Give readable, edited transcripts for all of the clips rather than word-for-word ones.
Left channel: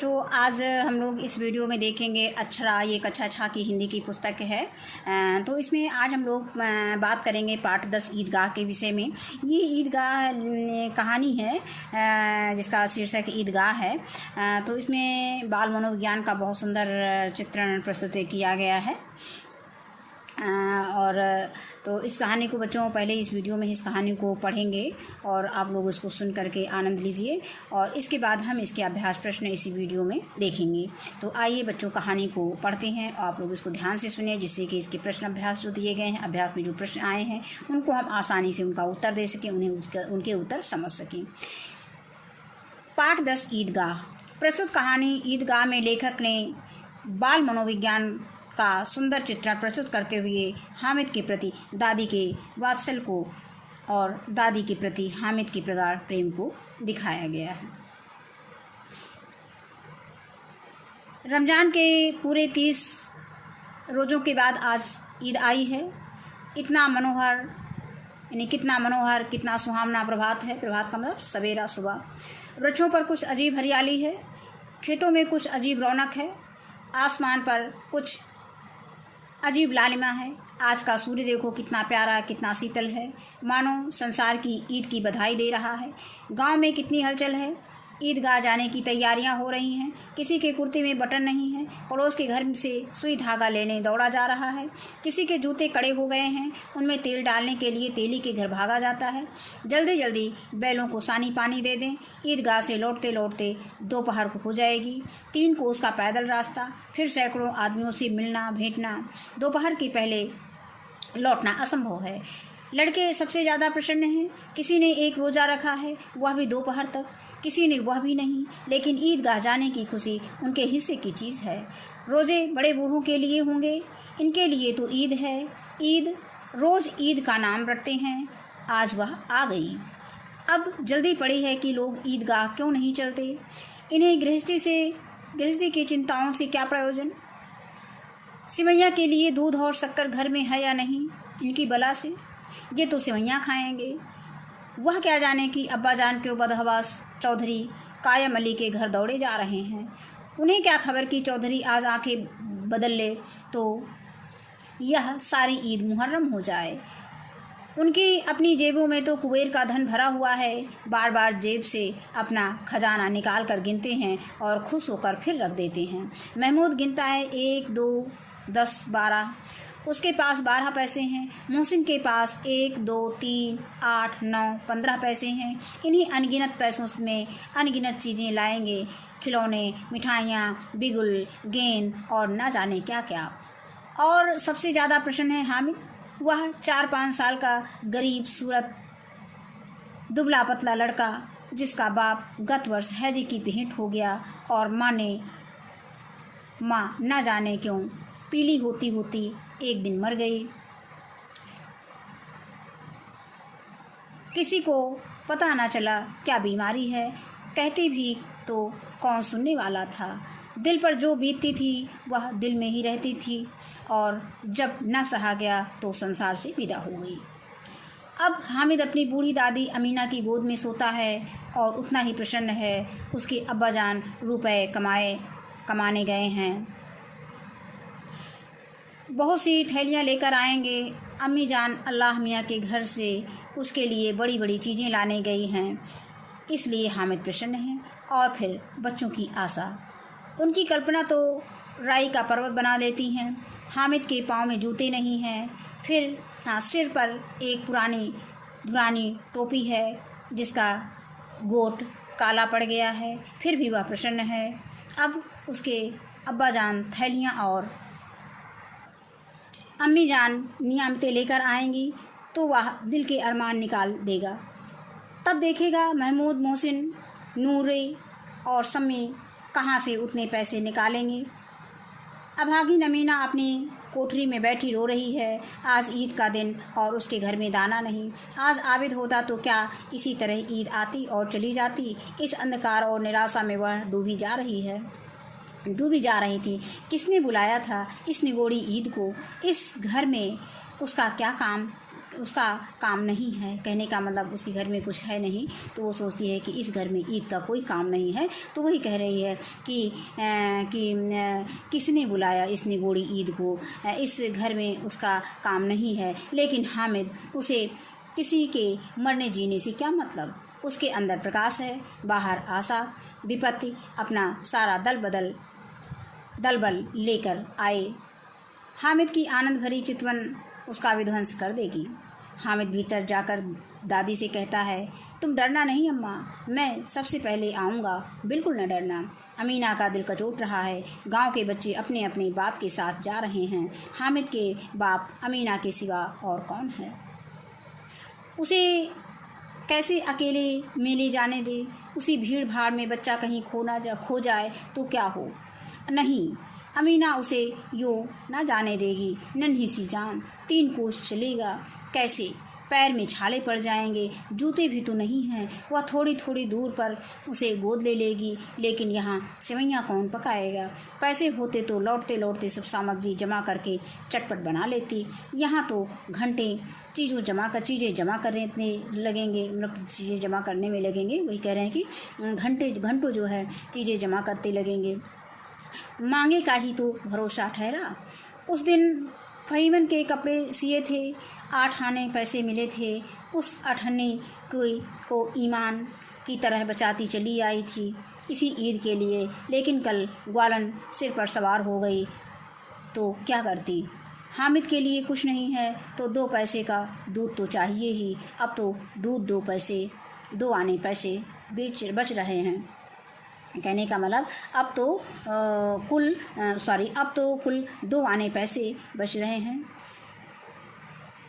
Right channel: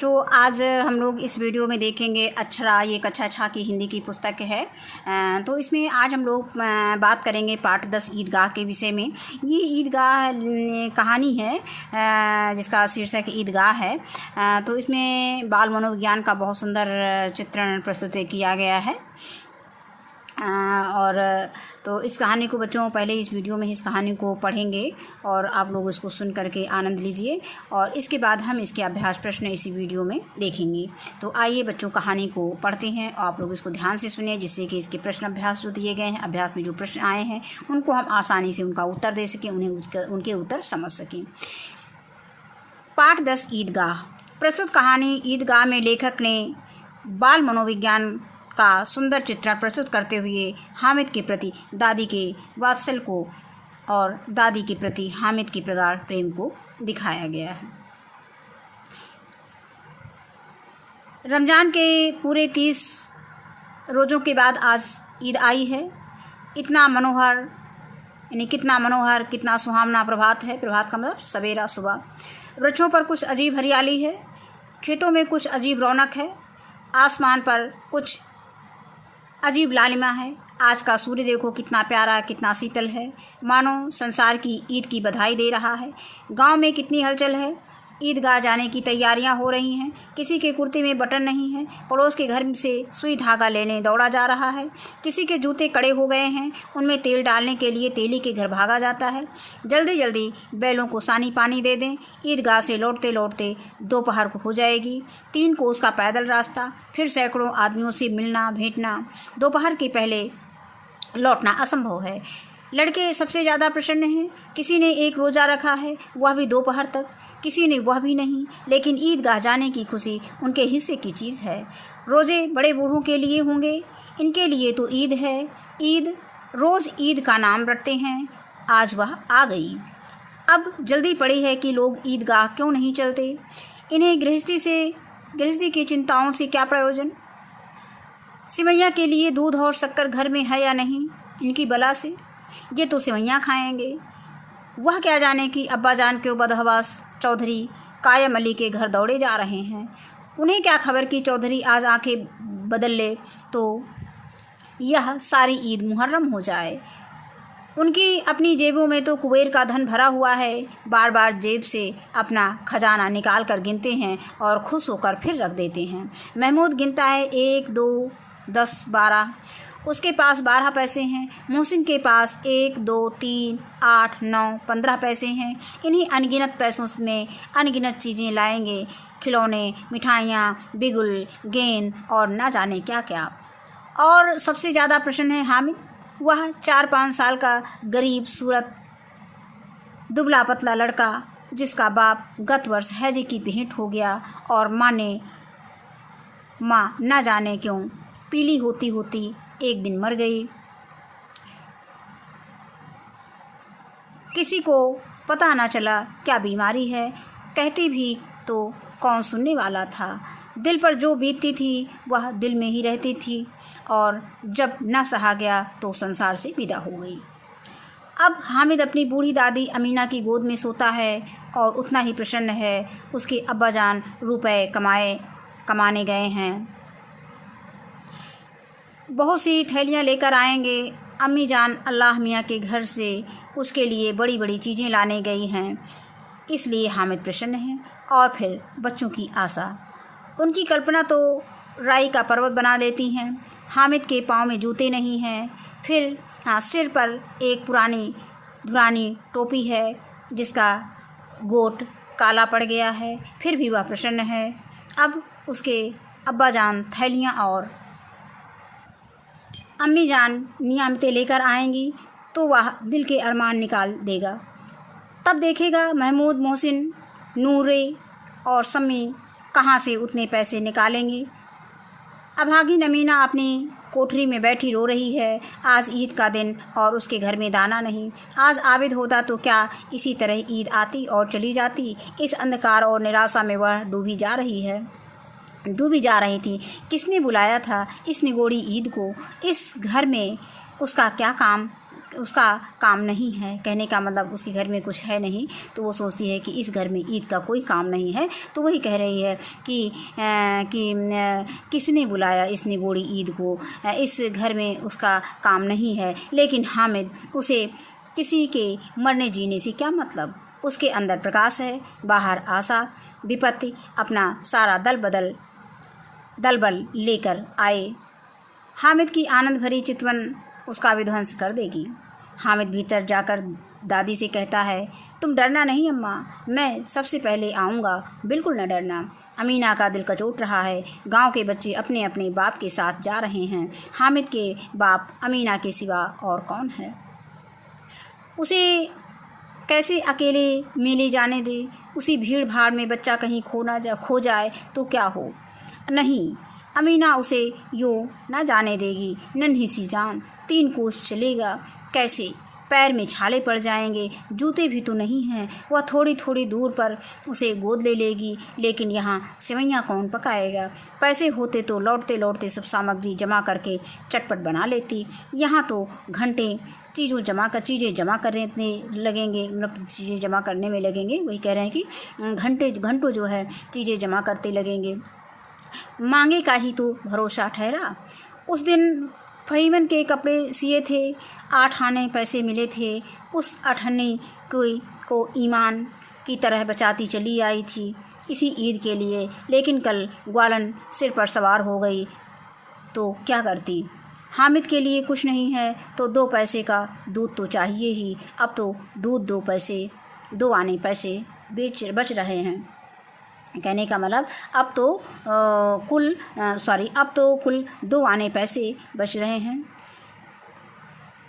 तो आज हम लोग इस वीडियो में देखेंगे अक्षरा, ये कक्षा 6 की हिंदी की पुस्तक है। तो इसमें आज हम लोग बात करेंगे पाठ 10 ईदगाह के विषय में। ये ईदगाह कहानी है जिसका शीर्षक ईदगाह है। तो इसमें बाल मनोविज्ञान का बहुत सुंदर चित्रण प्रस्तुत किया गया है। और तो इस कहानी को बच्चों पहले इस वीडियो में इस कहानी को पढ़ेंगे और आप लोग इसको सुन करके आनंद लीजिए और इसके बाद हम इसके अभ्यास प्रश्न इसी वीडियो में देखेंगे। तो आइए बच्चों कहानी को पढ़ते हैं और आप लोग इसको ध्यान से सुनिए, जिससे कि इसके प्रश्न अभ्यास जो दिए गए हैं, अभ्यास में जो प्रश्न आए हैं उनको हम आसानी से उनका उत्तर दे सकें, उनके उत्तर समझ सकें। पाठ 10 ईदगाह। प्रस्तुत कहानी ईदगाह में लेखक ने बाल मनोविज्ञान का सुंदर चित्रण प्रस्तुत करते हुए हामिद के प्रति दादी के वात्सल्य को और दादी के प्रति हामिद के प्रगाढ़ प्रेम को दिखाया गया है। रमज़ान के पूरे 30 रोज़ों के बाद आज ईद आई है। इतना मनोहर कितना मनोहर, कितना सुहावना प्रभात है। प्रभात का मतलब सवेरा, सुबह। वृक्षों पर कुछ अजीब हरियाली है, खेतों में कुछ अजीब रौनक है, आसमान पर कुछ अजीब लालिमा है। आज का सूर्य देखो कितना प्यारा, कितना शीतल है, मानो संसार की ईद की बधाई दे रहा है। गांव में कितनी हलचल है, ईदगाह जाने की तैयारियां हो रही हैं। किसी के कुर्ते में बटन नहीं है, पड़ोस के घर से सुई धागा लेने दौड़ा जा रहा है। किसी के जूते कड़े हो गए हैं, उनमें तेल डालने के लिए तेली के घर भागा जाता है। जल्दी जल्दी बैलों को सानी पानी दे दें। ईदगाह से लौटते लौटते दोपहर को हो जाएगी। 3 कोस का पैदल रास्ता, फिर सैकड़ों आदमियों से मिलना भेंटना। दोपहर के पहले लौटना असंभव है। लड़के सबसे ज़्यादा प्रसन्न हैं। किसी ने एक रोज़ा रखा है, वह भी दोपहर तक, किसी ने वह भी नहीं, लेकिन ईदगाह जाने की खुशी उनके हिस्से की चीज़ है। रोज़े बड़े बूढ़ों के लिए होंगे, इनके लिए तो ईद है। ईद रोज़ ईद का नाम रखते हैं, आज वह आ गई। अब जल्दी पड़ी है कि लोग ईदगाह क्यों नहीं चलते। इन्हें गृहस्थी की चिंताओं से क्या प्रयोजन। सिवैया के लिए दूध और शक्कर घर में है या नहीं, इनकी बला से। ये तो सिवैयाँ खाएंगे। वह क्या जाने कि अब्बा जान के बदहवास चौधरी कायम अली के घर दौड़े जा रहे हैं। उन्हें क्या खबर कि चौधरी आज आंखें बदल ले तो यह सारी ईद मुहर्रम हो जाए। उनकी अपनी जेबों में तो कुबेर का धन भरा हुआ है। बार बार जेब से अपना खजाना निकाल कर गिनते हैं और खुश होकर फिर रख देते हैं। महमूद गिनता है 1, 2, 10, 12। उसके पास 12 पैसे हैं। मोहसिन के पास 1, 2, 3, 8, 9, 15 पैसे हैं। इन्हीं अनगिनत पैसों में अनगिनत चीज़ें लाएंगे, खिलौने, मिठाइयाँ, बिगुल, गेंद और न जाने क्या क्या। और सबसे ज़्यादा प्रसन्न है हामिद। वह 4-5 साल का गरीब सूरत दुबला पतला लड़का, जिसका बाप गत वर्ष हैजे की भेंट हो गया और माँ न जाने क्यों पीली होती होती एक दिन मर गई। किसी को पता न चला क्या बीमारी है, कहती भी तो कौन सुनने वाला था। दिल पर जो बीतती थी वह दिल में ही रहती थी और जब न सहा गया तो संसार से विदा हो गई। अब हामिद अपनी बूढ़ी दादी अमीना की गोद में सोता है और उतना ही प्रसन्न है। उसके अब्बाजान रुपए कमाने गए हैं, बहुत सी थैलियाँ लेकर आएंगे। अम्मी जान अल्लाह मियाँ के घर से उसके लिए बड़ी बड़ी चीज़ें लाने गई हैं, इसलिए हामिद प्रसन्न है। और फिर बच्चों की आशा, उनकी कल्पना तो राई का पर्वत बना देती हैं। हामिद के पाँव में जूते नहीं हैं, फिर सिर पर एक पुरानी टोपी है जिसका गोट काला पड़ गया है, फिर भी वह प्रसन्न है। अब उसके अब्बाजान थैलियाँ और अम्मी जान नियामतें लेकर आएंगी तो वह दिल के अरमान निकाल देगा। तब देखेगा महमूद, मोहसिन, नूरे और सम्मी कहाँ से उतने पैसे निकालेंगे। अभागी अमीना अपनी कोठरी में बैठी रो रही है। आज ईद का दिन और उसके घर में दाना नहीं। आज आबिद होता तो क्या इसी तरह ईद आती और चली जाती। इस अंधकार और निराशा में वह डूबी जा रही थी। किसने बुलाया था इस निगोड़ी ईद को। इस घर में उसका क्या काम उसका काम नहीं है, कहने का मतलब उसके घर में कुछ है नहीं, तो वो सोचती है कि इस घर में ईद का कोई काम नहीं है। तो वही कह रही है कि किसने बुलाया इस निगोड़ी ईद को, इस घर में उसका काम नहीं है। लेकिन हामिद, उसे किसी के मरने जीने से क्या मतलब, उसके अंदर प्रकाश है, बाहर आशा। विपत्ति अपना सारा दल बल लेकर आए, हामिद की आनंद भरी चितवन उसका विध्वंस कर देगी। हामिद भीतर जाकर दादी से कहता है, तुम डरना नहीं अम्मा, मैं सबसे पहले आऊँगा, बिल्कुल न डरना। अमीना का दिल कचोट रहा है। गांव के बच्चे अपने अपने बाप के साथ जा रहे हैं। हामिद के बाप अमीना के सिवा और कौन है? उसे कैसे अकेले मेले जाने दे? उसी भीड़ भाड़ में बच्चा कहीं खो जाए तो क्या हो? नहीं, अमीना उसे यूँ न जाने देगी। नन्ही सी जान, 3 कोस चलेगा कैसे? पैर में छाले पड़ जाएंगे, जूते भी तो नहीं हैं। वह थोड़ी थोड़ी दूर पर उसे गोद ले लेगी, लेकिन यहाँ सेवैयाँ कौन पकाएगा? पैसे होते तो लौटते लौटते सब सामग्री जमा करके चटपट बना लेती। यहाँ तो घंटे चीज़ें जमा करने लगेंगे, मतलब चीज़ें जमा करने में लगेंगे। वही कह रहे हैं कि घंटों जो है चीज़ें जमा करते लगेंगे। मांगे का ही तो भरोसा ठहरा। उस दिन फहीमन के कपड़े सिए थे, 8 आने पैसे मिले थे। उस 8 आने को ईमान की तरह बचाती चली आई थी इसी ईद के लिए। लेकिन कल ग्वालन सिर पर सवार हो गई तो क्या करती? हामिद के लिए कुछ नहीं है तो 2 पैसे का दूध तो चाहिए ही। अब तो दूध 2 आने पैसे बच रहे हैं। कहने का मतलब अब तो कुल 2 आने पैसे बच रहे हैं।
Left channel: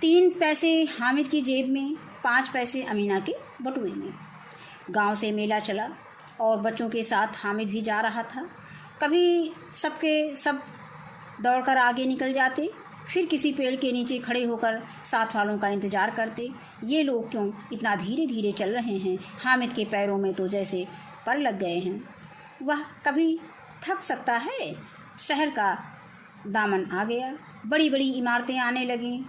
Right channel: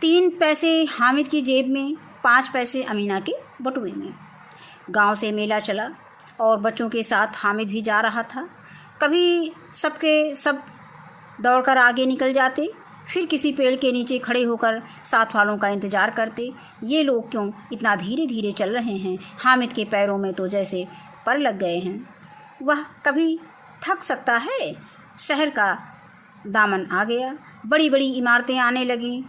3 पैसे हामिद की जेब में, 5 पैसे अमीना के बटुए में। गांव से मेला चला और बच्चों के साथ हामिद भी जा रहा था। कभी सब दौड़कर आगे निकल जाते, फिर किसी पेड़ के नीचे खड़े होकर साथ वालों का इंतज़ार करते। ये लोग क्यों इतना धीरे धीरे चल रहे हैं? हामिद के पैरों में तो जैसे पर लग गए हैं। वह कभी थक सकता है? शहर का दामन आ गया, बड़ी बड़ी इमारतें आने लगीं।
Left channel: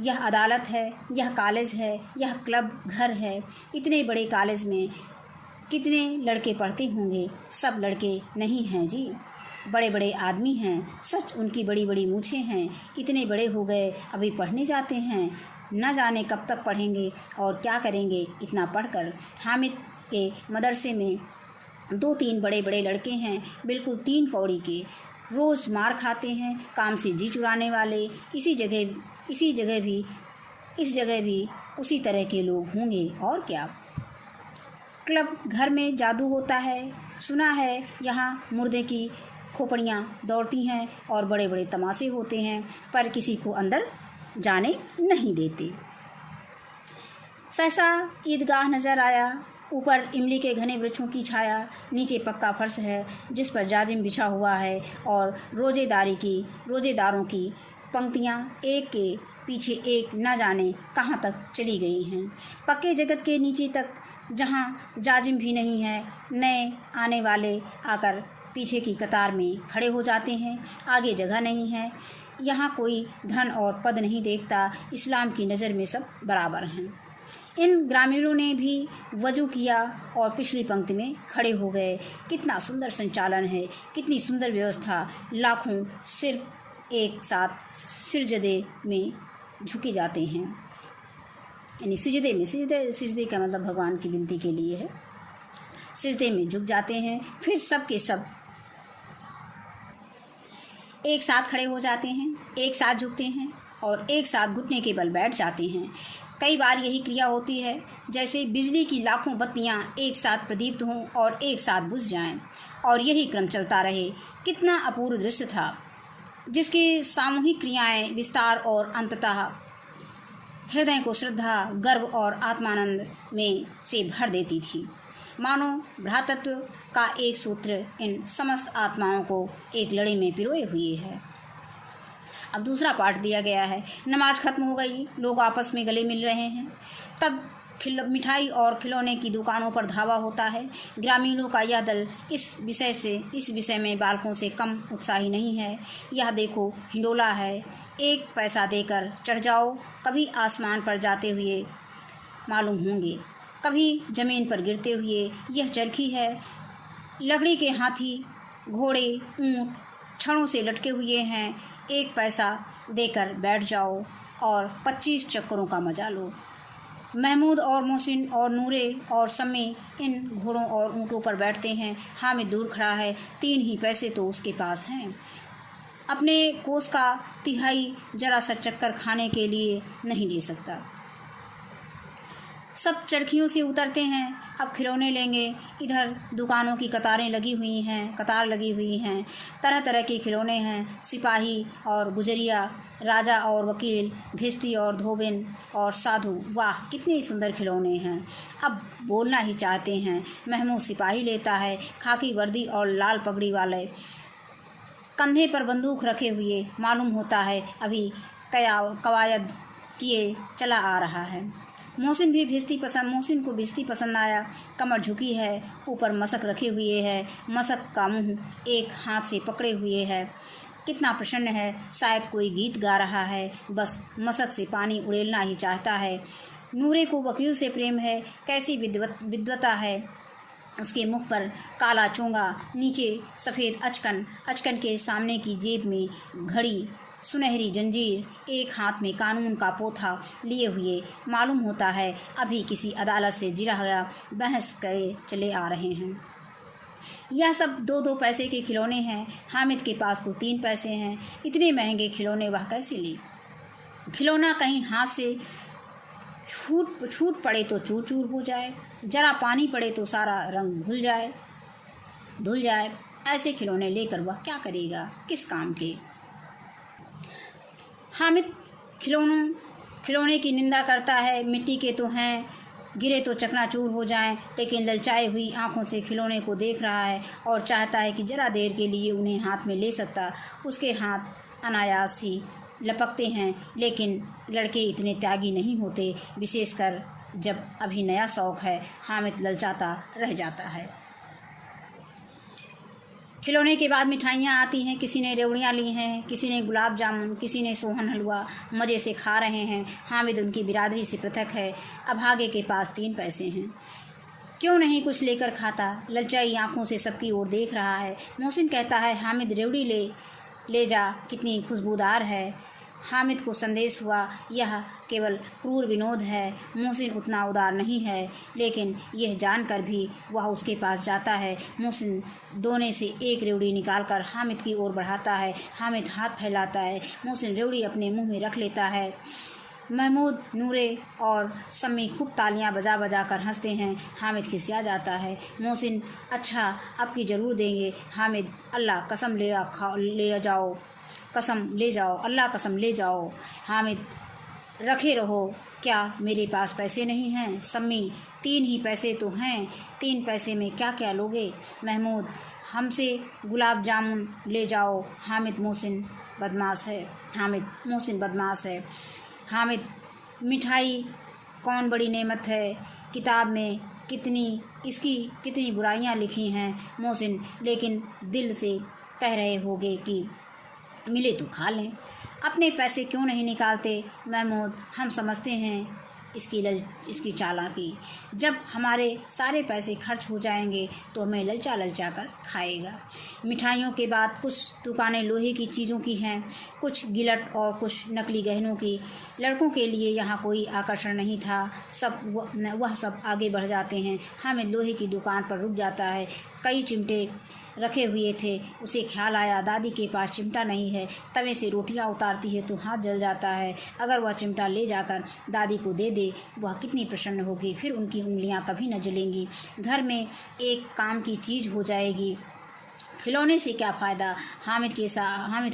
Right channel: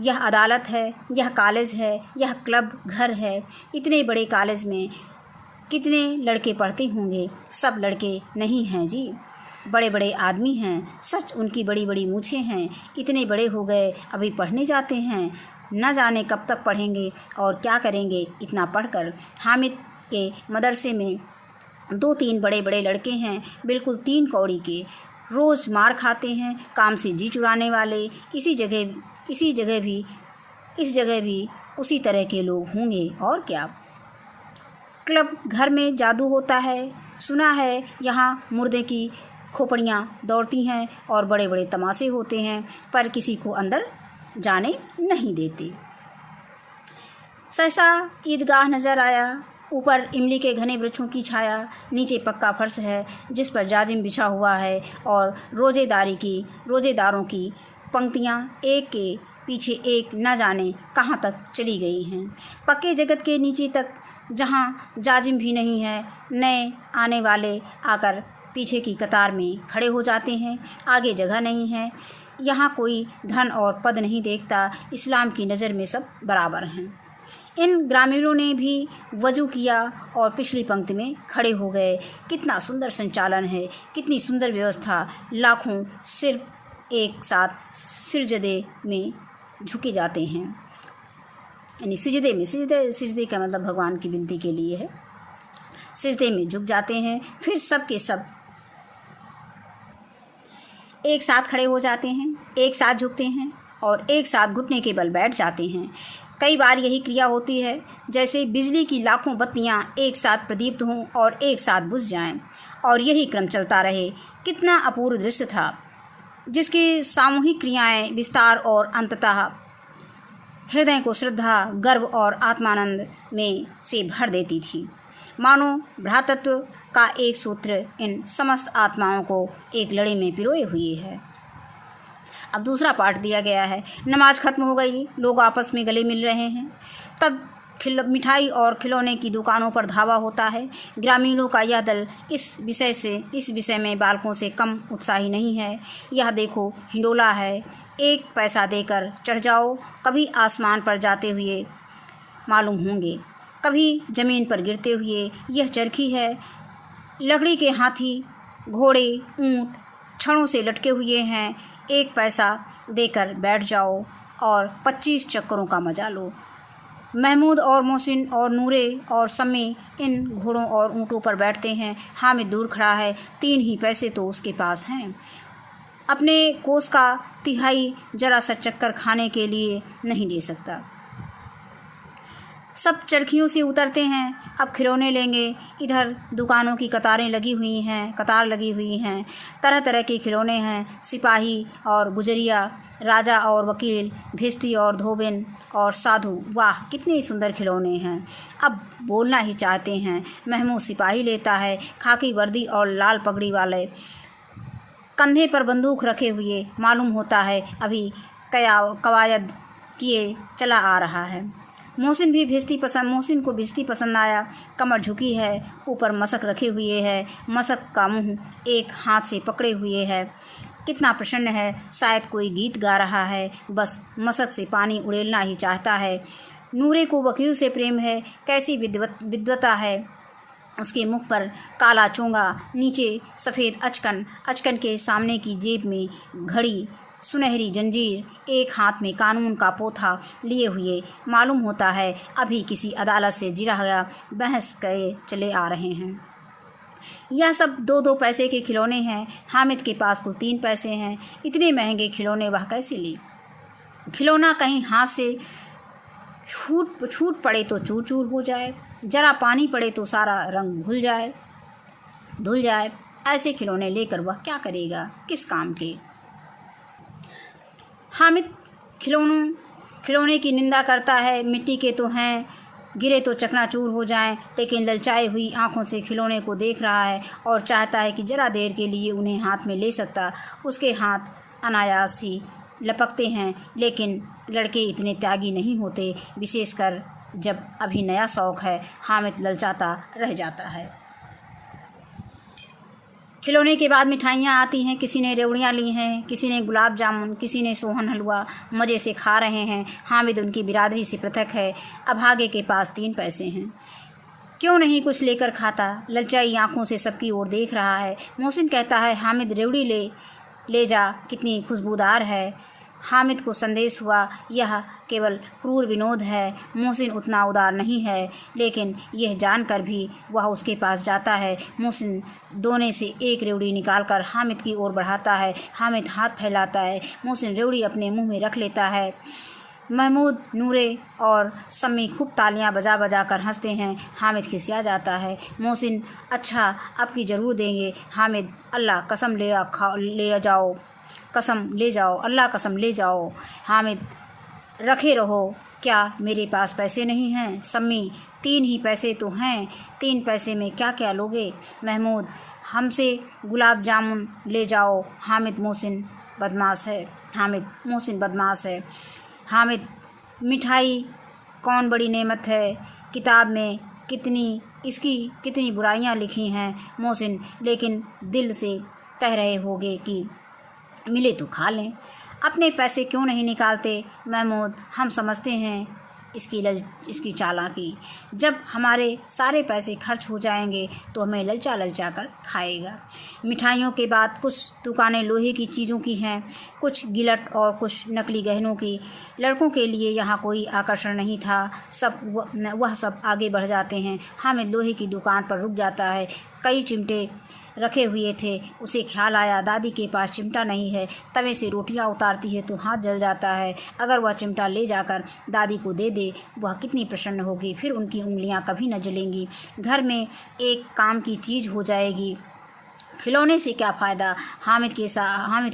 यह अदालत है, यह कॉलेज है, यह क्लब घर है। इतने बड़े कॉलेज में कितने लड़के पढ़ते होंगे? सब लड़के नहीं हैं जी, बड़े बड़े आदमी हैं। सच उनकी बड़ी बड़ी मूछें हैं। इतने बड़े हो गए अभी पढ़ने जाते हैं। न जाने कब तक पढ़ेंगे और क्या करेंगे इतना पढ़कर। हामिद के मदरसे में 2-3 बड़े बड़े लड़के हैं, बिल्कुल 3 कौड़ी के, रोज़ मार खाते हैं, काम से जी चुराने वाले। इस जगह भी उसी तरह के लोग होंगे और क्या। क्लब घर में जादू होता है, सुना है। यहाँ मुर्दे की खोपड़ियाँ दौड़ती हैं और बड़े बड़े तमाशे होते हैं, पर किसी को अंदर जाने नहीं देते। सहसा ईदगाह नज़र आया। ऊपर इमली के घने वृक्षों की छाया, नीचे पक्का फर्श है जिस पर जाजिम बिछा हुआ है और रोजेदारों की पंक्तियाँ एक के पीछे एक न जाने कहाँ तक चली गई हैं। पक्के जगत के नीचे तक, जहाँ जाजिम भी नहीं है। नए आने वाले आकर पीछे की कतार में खड़े हो जाते हैं। आगे जगह नहीं है। यहाँ कोई धन और पद नहीं देखता। इस्लाम की नज़र में सब बराबर हैं। इन ग्रामीणों ने भी वजू किया और पिछली पंक्ति में खड़े हो गए। कितना सुंदर संचालन है, कितनी सुंदर व्यवस्था। लाखों सिर्फ एक साथ सिजदे में झुके जाते हैं। यानी सिजदे का मतलब भगवान की विनती के लिए है। सिजदे में झुक जाते हैं, फिर सब के सब एक साथ खड़े हो जाते हैं, एक साथ झुकते हैं और एक साथ घुटने के बल बैठ जाते हैं। कई बार यही क्रिया होती है जैसे बिजली की लाखों बत्तियां एक साथ प्रदीप्त हों और एक साथ बुझ जाएं, और यही क्रम चलता रहे। कितना अपूर्व दृश्य था, जिसकी सामूहिक क्रियाएं विस्तार और अंततः हृदय को श्रद्धा, गर्व और आत्मानंद में से भर देती थी। मानो भ्रातृत्व का एक सूत्र इन समस्त आत्माओं को एक लड़ी में पिरोए हुए है। अब दूसरा पाठ दिया गया है। नमाज खत्म हो गई, लोग आपस में गले मिल रहे हैं। तब मिठाई और खिलौने की दुकानों पर धावा होता है। ग्रामीणों का यह दल इस विषय में बालकों से कम उत्साही नहीं है। यह देखो हिंडोला है, 1 पैसा देकर चढ़ जाओ, कभी आसमान पर जाते हुए मालूम होंगे, कभी ज़मीन पर गिरते हुए। यह चरखी है, लकड़ी के हाथी, घोड़े, ऊँट छड़ों से लटके हुए हैं। 1 पैसा देकर बैठ जाओ और 25 चक्करों का मजा लो। महमूद और मोहसिन और नूरे और सम्मी इन घोड़ों और ऊँटों पर बैठते हैं। हामिद दूर खड़ा है, 3 ही पैसे तो उसके पास हैं। अपने कोस का तिहाई जरा सा चक्कर खाने के लिए नहीं दे सकता। सब चरखियों से उतरते हैं, अब खिलौने लेंगे। इधर दुकानों की कतार लगी हुई हैं। तरह तरह के खिलौने हैं, सिपाही और गुजरिया, राजा और वकील, भिस्ती और धोबिन और साधु। वाह कितने सुंदर खिलौने हैं। अब बोलना ही चाहते हैं। महमूद सिपाही लेता है, खाकी वर्दी और लाल पगड़ी वाले, कंधे पर बंदूक रखे हुए। मालूम होता है अभी कवायद किए चला आ रहा है। मोहसिन को भिस्ती पसंद आया। कमर झुकी है, ऊपर मशक रखे हुए है, मशक का मुंह एक हाथ से पकड़े हुए है। कितना प्रसन्न है, शायद कोई गीत गा रहा है, बस मशक से पानी उड़ेलना ही चाहता है। नूरे को वकील से प्रेम है, कैसी विद्वता है उसके मुख पर। काला चोंगा, नीचे सफ़ेद अचकन के सामने की जेब में घड़ी, सुनहरी जंजीर, एक हाथ में कानून का पोथा लिए हुए। मालूम होता है अभी किसी अदालत से जिरा गया बहस करे चले आ रहे हैं। यह सब 2-2 पैसे के खिलौने हैं। हामिद के पास कुल 3 पैसे हैं। इतने महंगे खिलौने वह कैसे ले? खिलौना कहीं हाथ से छूट पड़े तो चूर चूर हो जाए, जरा पानी पड़े तो सारा रंग धुल जाए। ऐसे खिलौने लेकर वह क्या करेगा, किस काम के? हामिद खिलौने की निंदा करता है। मिट्टी के तो हैं, गिरे तो चकनाचूर हो जाएं, लेकिन ललचाई हुई आंखों से खिलौने को देख रहा है और चाहता है कि जरा देर के लिए उन्हें हाथ में ले सकता। उसके हाथ अनायास ही लपकते हैं, लेकिन लड़के इतने त्यागी नहीं होते, विशेषकर जब अभी नया शौक़ है। हामिद ललचाता रह जाता है। खिलौने के बाद मिठाइयाँ आती हैं। किसी ने रेवड़ियाँ ली हैं, किसी ने गुलाब जामुन, किसी ने सोहन हलवा मज़े से खा रहे हैं। हामिद उनकी बिरादरी से पृथक है। अभागे के पास 3 पैसे हैं, क्यों नहीं कुछ लेकर खाता? ललचाई आँखों से सबकी ओर देख रहा है। मोहसिन कहता है हामिद रेवड़ी ले जा, कितनी खुशबूदार है। हामिद को संदेश हुआ यह केवल क्रूर विनोद है। मोहसिन उतना उदार नहीं है, लेकिन यह जानकर भी वह उसके पास जाता है। मोहसिन दोने से एक रेवड़ी निकालकर हामिद की ओर बढ़ाता है। हामिद हाथ फैलाता है। मोहसिन रेवड़ी अपने मुंह में रख लेता है। महमूद, नूरे और सम्मी खूब तालियां बजा बजा कर हंसते हैं। हामिद खिसिया जाता है। मोहसिन, अच्छा अब की ज़रूर देंगे। हामिद, अल्लाह कसम ले जाओ। हामिद, रखे रहो, क्या मेरे पास पैसे नहीं हैं? सम्मी, 3 ही पैसे तो हैं, 3 पैसे में क्या क्या लोगे? महमूद, हमसे गुलाब जामुन ले जाओ। हामिद, मोहसिन बदमाश है। हामिद, मिठाई कौन बड़ी नेमत है, किताब में कितनी बुराइयां लिखी हैं। मोहसिन, लेकिन दिल से कह रहे होगे कि मिले तो खा लें, अपने पैसे क्यों नहीं निकालते? महमूद, हम समझते हैं इसकी चालाकी। जब हमारे सारे पैसे खर्च हो जाएंगे तो हमें ललचा कर खाएगा। मिठाइयों के बाद कुछ दुकानें लोहे की चीज़ों की हैं, कुछ गिलट और कुछ नकली गहनों की। लड़कों के लिए यहाँ कोई आकर्षण नहीं था। वह सब आगे बढ़ जाते हैं। हामिद लोहे की दुकान पर रुक जाता है। कई चिमटे रखे हुए थे। उसे ख्याल आया दादी के पास चिमटा नहीं है। तवे से रोटियां उतारती है तो हाथ जल जाता है। अगर वह चिमटा ले जाकर दादी को दे दे, वह कितनी प्रसन्न होगी। फिर उनकी उंगलियां कभी न जलेंगी। घर में एक काम की चीज़ हो जाएगी। खिलौने से क्या फ़ायदा? हामिद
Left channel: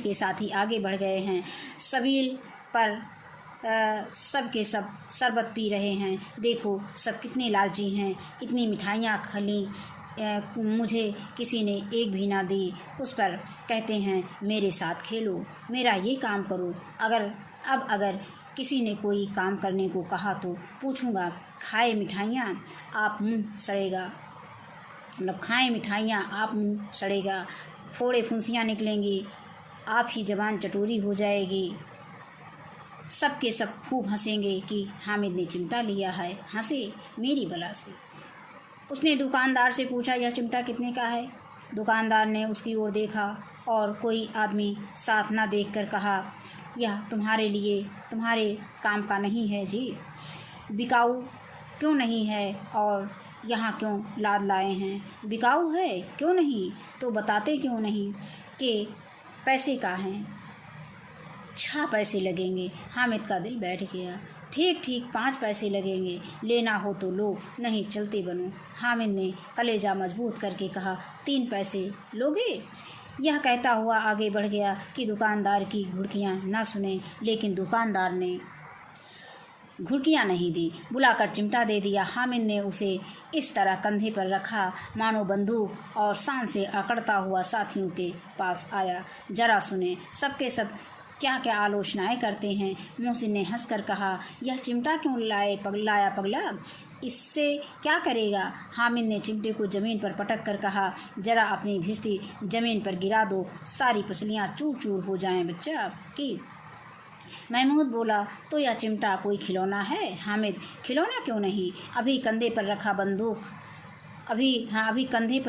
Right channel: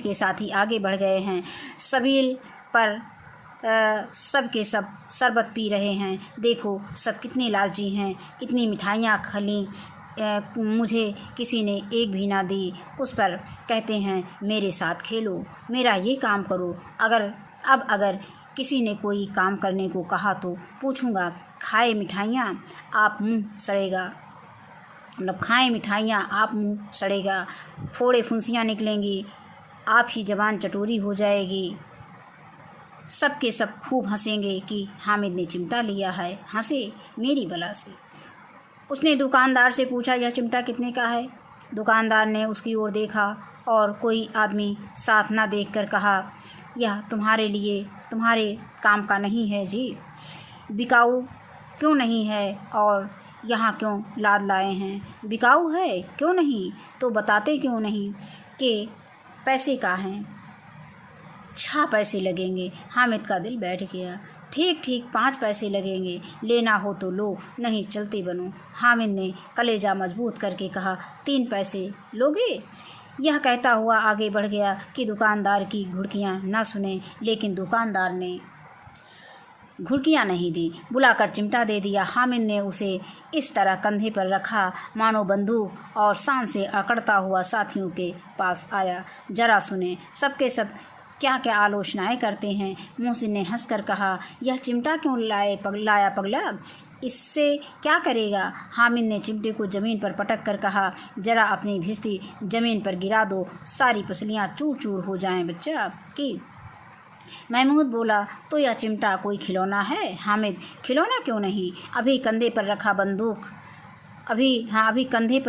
के साथी आगे बढ़ गए हैं। सबील पर सब के सब शरबत पी रहे हैं। देखो सब कितने लालची हैं। इतनी मिठाइयाँ खली, मुझे किसी ने एक भी ना दी। उस पर कहते हैं मेरे साथ खेलो, मेरा ये काम करो। अगर किसी ने कोई काम करने को कहा तो पूछूंगा खाए मिठाइयाँ आप मुँह सड़ेगा, मतलब खाएं मिठाइयाँ आप मुँह सड़ेगा, फोड़े फुंसियाँ निकलेंगी, आप ही जबान चटोरी हो जाएगी। सब के सब खूब हंसेंगे कि हामिद ने चिमटा लिया है, हंसे मेरी बला से। उसने दुकानदार से पूछा, यह चिमटा कितने का है? दुकानदार ने उसकी ओर देखा और कोई आदमी साथ न देखकर कहा, यह तुम्हारे लिए, तुम्हारे काम का नहीं है जी। बिकाऊ क्यों नहीं है और यहाँ क्यों लाद लाए हैं? बिकाऊ है क्यों नहीं तो बताते क्यों नहीं कि पैसे का हैं? 6 पैसे लगेंगे। हामिद का दिल बैठ गया। ठीक ठीक 5 पैसे लगेंगे, लेना हो तो लो, नहीं चलते बनो। हामिद ने कलेजा मजबूत करके कहा, 3 पैसे लोगे? यह कहता हुआ आगे बढ़ गया कि दुकानदार की घुड़कियाँ न सुने, लेकिन दुकानदार ने घुड़कियाँ नहीं दी, बुलाकर चिमटा दे दिया। हामिद ने उसे इस तरह कंधे पर रखा मानो बंदूक, और शान से अकड़ता हुआ साथियों के पास आया। जरा सुने, सबके सब क्या क्या आलोचनाएं करते हैं। मोहसिन ने हंसकर कहा, यह चिमटा क्यों लाया पगला? इससे क्या करेगा? हामिद ने चिमटे को ज़मीन पर पटक कर कहा, जरा अपनी भिस्ती ज़मीन पर गिरा दो, सारी पसलियाँ चूर चूर हो जाएं बच्चा की। महमूद बोला, तो यह चिमटा कोई खिलौना है? हामिद, खिलौना क्यों नहीं, अभी कंधे पर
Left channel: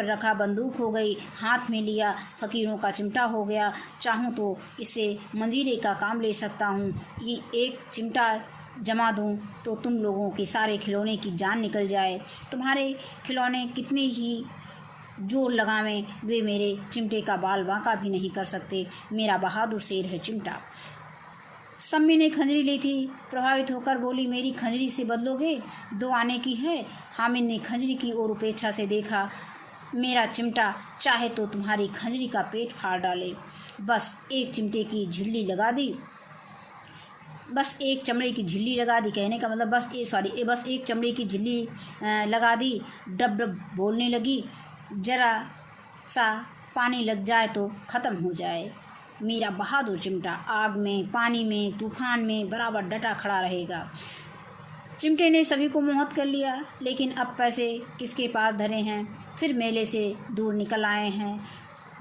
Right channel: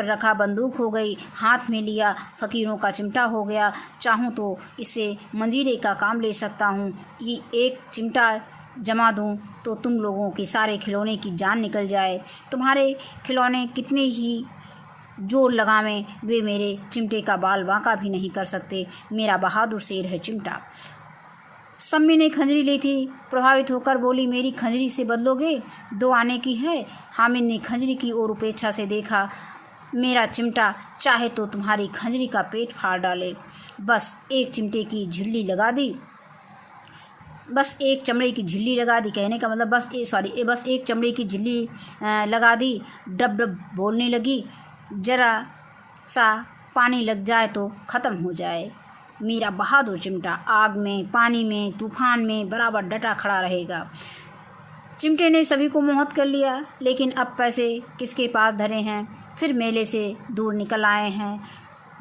रखा बंदूक हो गई, हाथ में लिया फ़कीरों का चिमटा हो गया। चाहूँ तो इससे मंजीरे का काम ले सकता हूँ। ये एक चिमटा जमा दूँ तो तुम लोगों के सारे खिलौने की जान निकल जाए। तुम्हारे खिलौने कितने ही जोर लगावें, वे मेरे चिमटे का बाल बांका भी नहीं कर सकते। मेरा बहादुर शेर है चिमटा। सम्मी ने खंजरी ली थी, प्रभावित होकर बोली, मेरी खंजरी से बदलोगे? 2 आने की है। हामिद ने खंजरी की ओर उपेक्षा से देखा। मेरा चिमटा चाहे तो तुम्हारी खंजरी का पेट फाड़ डाले। बस एक चमड़े की झिल्ली लगा दी, कहने का मतलब बस एक चमड़े की झिल्ली लगा दी। डब डब बोलने लगी, जरा सा पानी लग जाए तो ख़त्म हो जाए। मेरा बहादुर चिमटा आग में, पानी में, तूफान में बराबर डटा खड़ा रहेगा। चिमटे ने सभी को मोहित कर लिया, लेकिन अब पैसे किसके पास धरे हैं? फिर मेले से दूर निकल आए हैं।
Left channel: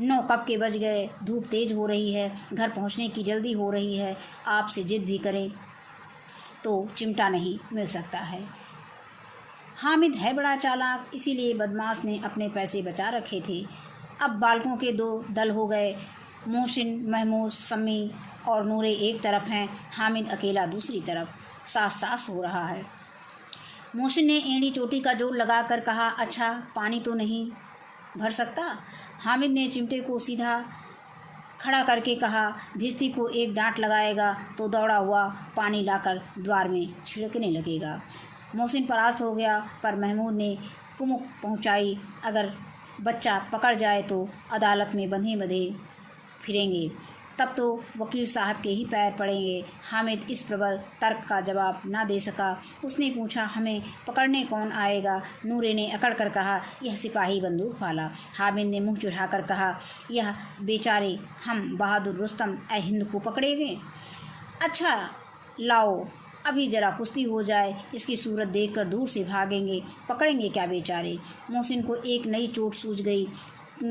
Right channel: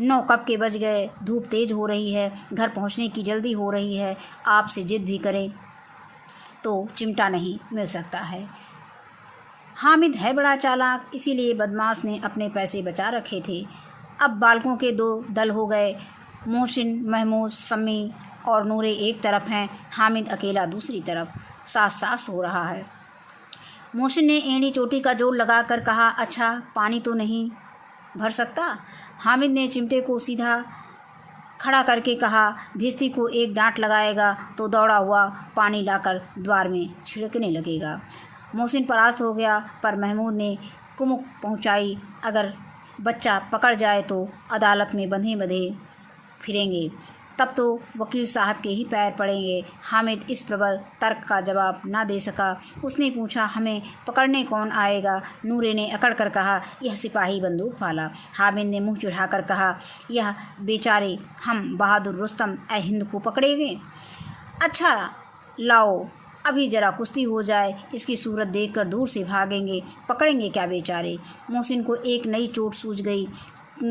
9 कब के बज गए, धूप तेज हो रही है, घर पहुंचने की जल्दी हो रही है। आपसे जिद भी करें तो चिमटा नहीं मिल सकता है। हामिद है बड़ा चालाक, इसीलिए बदमाश ने अपने पैसे बचा रखे थे। अब बालकों के 2 दल हो गए। मोहसिन, महमूद, सम्मी और नूरे एक तरफ हैं, हामिद अकेला दूसरी तरफ। सास हो रहा है। मोहसिन ने एड़ी चोटी का जोर लगाकर कहा, अच्छा पानी तो नहीं भर सकता? हामिद ने चिमटे को सीधा खड़ा करके कहा, भिस्ती को एक डांट लगाएगा तो दौड़ा हुआ पानी लाकर द्वार में छिड़कने लगेगा। मोहसिन परास्त हो गया, पर महमूद ने कुमुक पहुंचाई, अगर बच्चा पकड़ जाए तो अदालत में बंधे फिरेंगे, तब तो वकील साहब के ही पैर पड़ेंगे। हामिद इस प्रबल तर्क का जवाब ना दे सका। उसने पूछा, हमें पकड़ने कौन आएगा? नूरे ने अकड़ कर कहा, यह सिपाही बंदूक वाला। हामिद ने मुंह चढ़ाकर कहा, यह बेचारे हम बहादुर रुस्तम ए हिंद को पकड़ेंगे? अच्छा लाओ, अभी जरा कुश्ती हो जाए, इसकी सूरत देखकर दूर से भागेंगे, पकड़ेंगे क्या बेचारे। मोहसिन को एक नई चोट सूझ गई।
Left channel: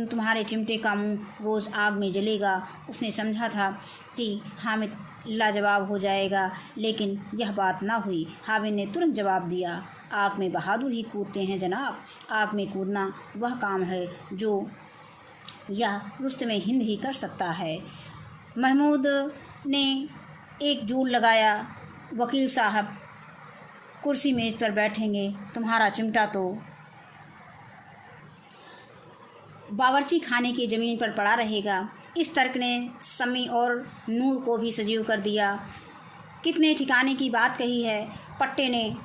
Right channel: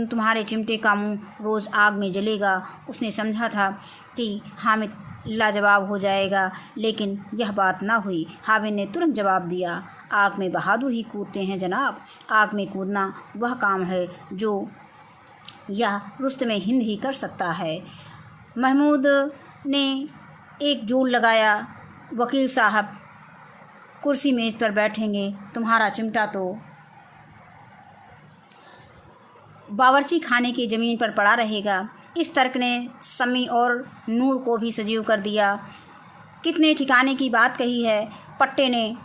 तुम्हारे चिमटे का मुंह रोज़ आग में जलेगा। उसने समझा था कि हामिद लाजवाब हो जाएगा, लेकिन यह बात ना हुई। हामिद ने तुरंत जवाब दिया, आग में बहादुर ही कूदते हैं जनाब। आग में कूदना वह काम है जो यह रुस्तम हिंद ही कर सकता है। महमूद ने एक जोर लगाया, वकील साहब कुर्सी मेज़ पर बैठेंगे, तुम्हारा चिमटा तो बावर्ची खाने की ज़मीन पर पड़ा रहेगा। इस तर्क ने सम्मी और नूर को भी सजीव कर दिया। कितने ठिकाने की बात कही है। पट्टे ने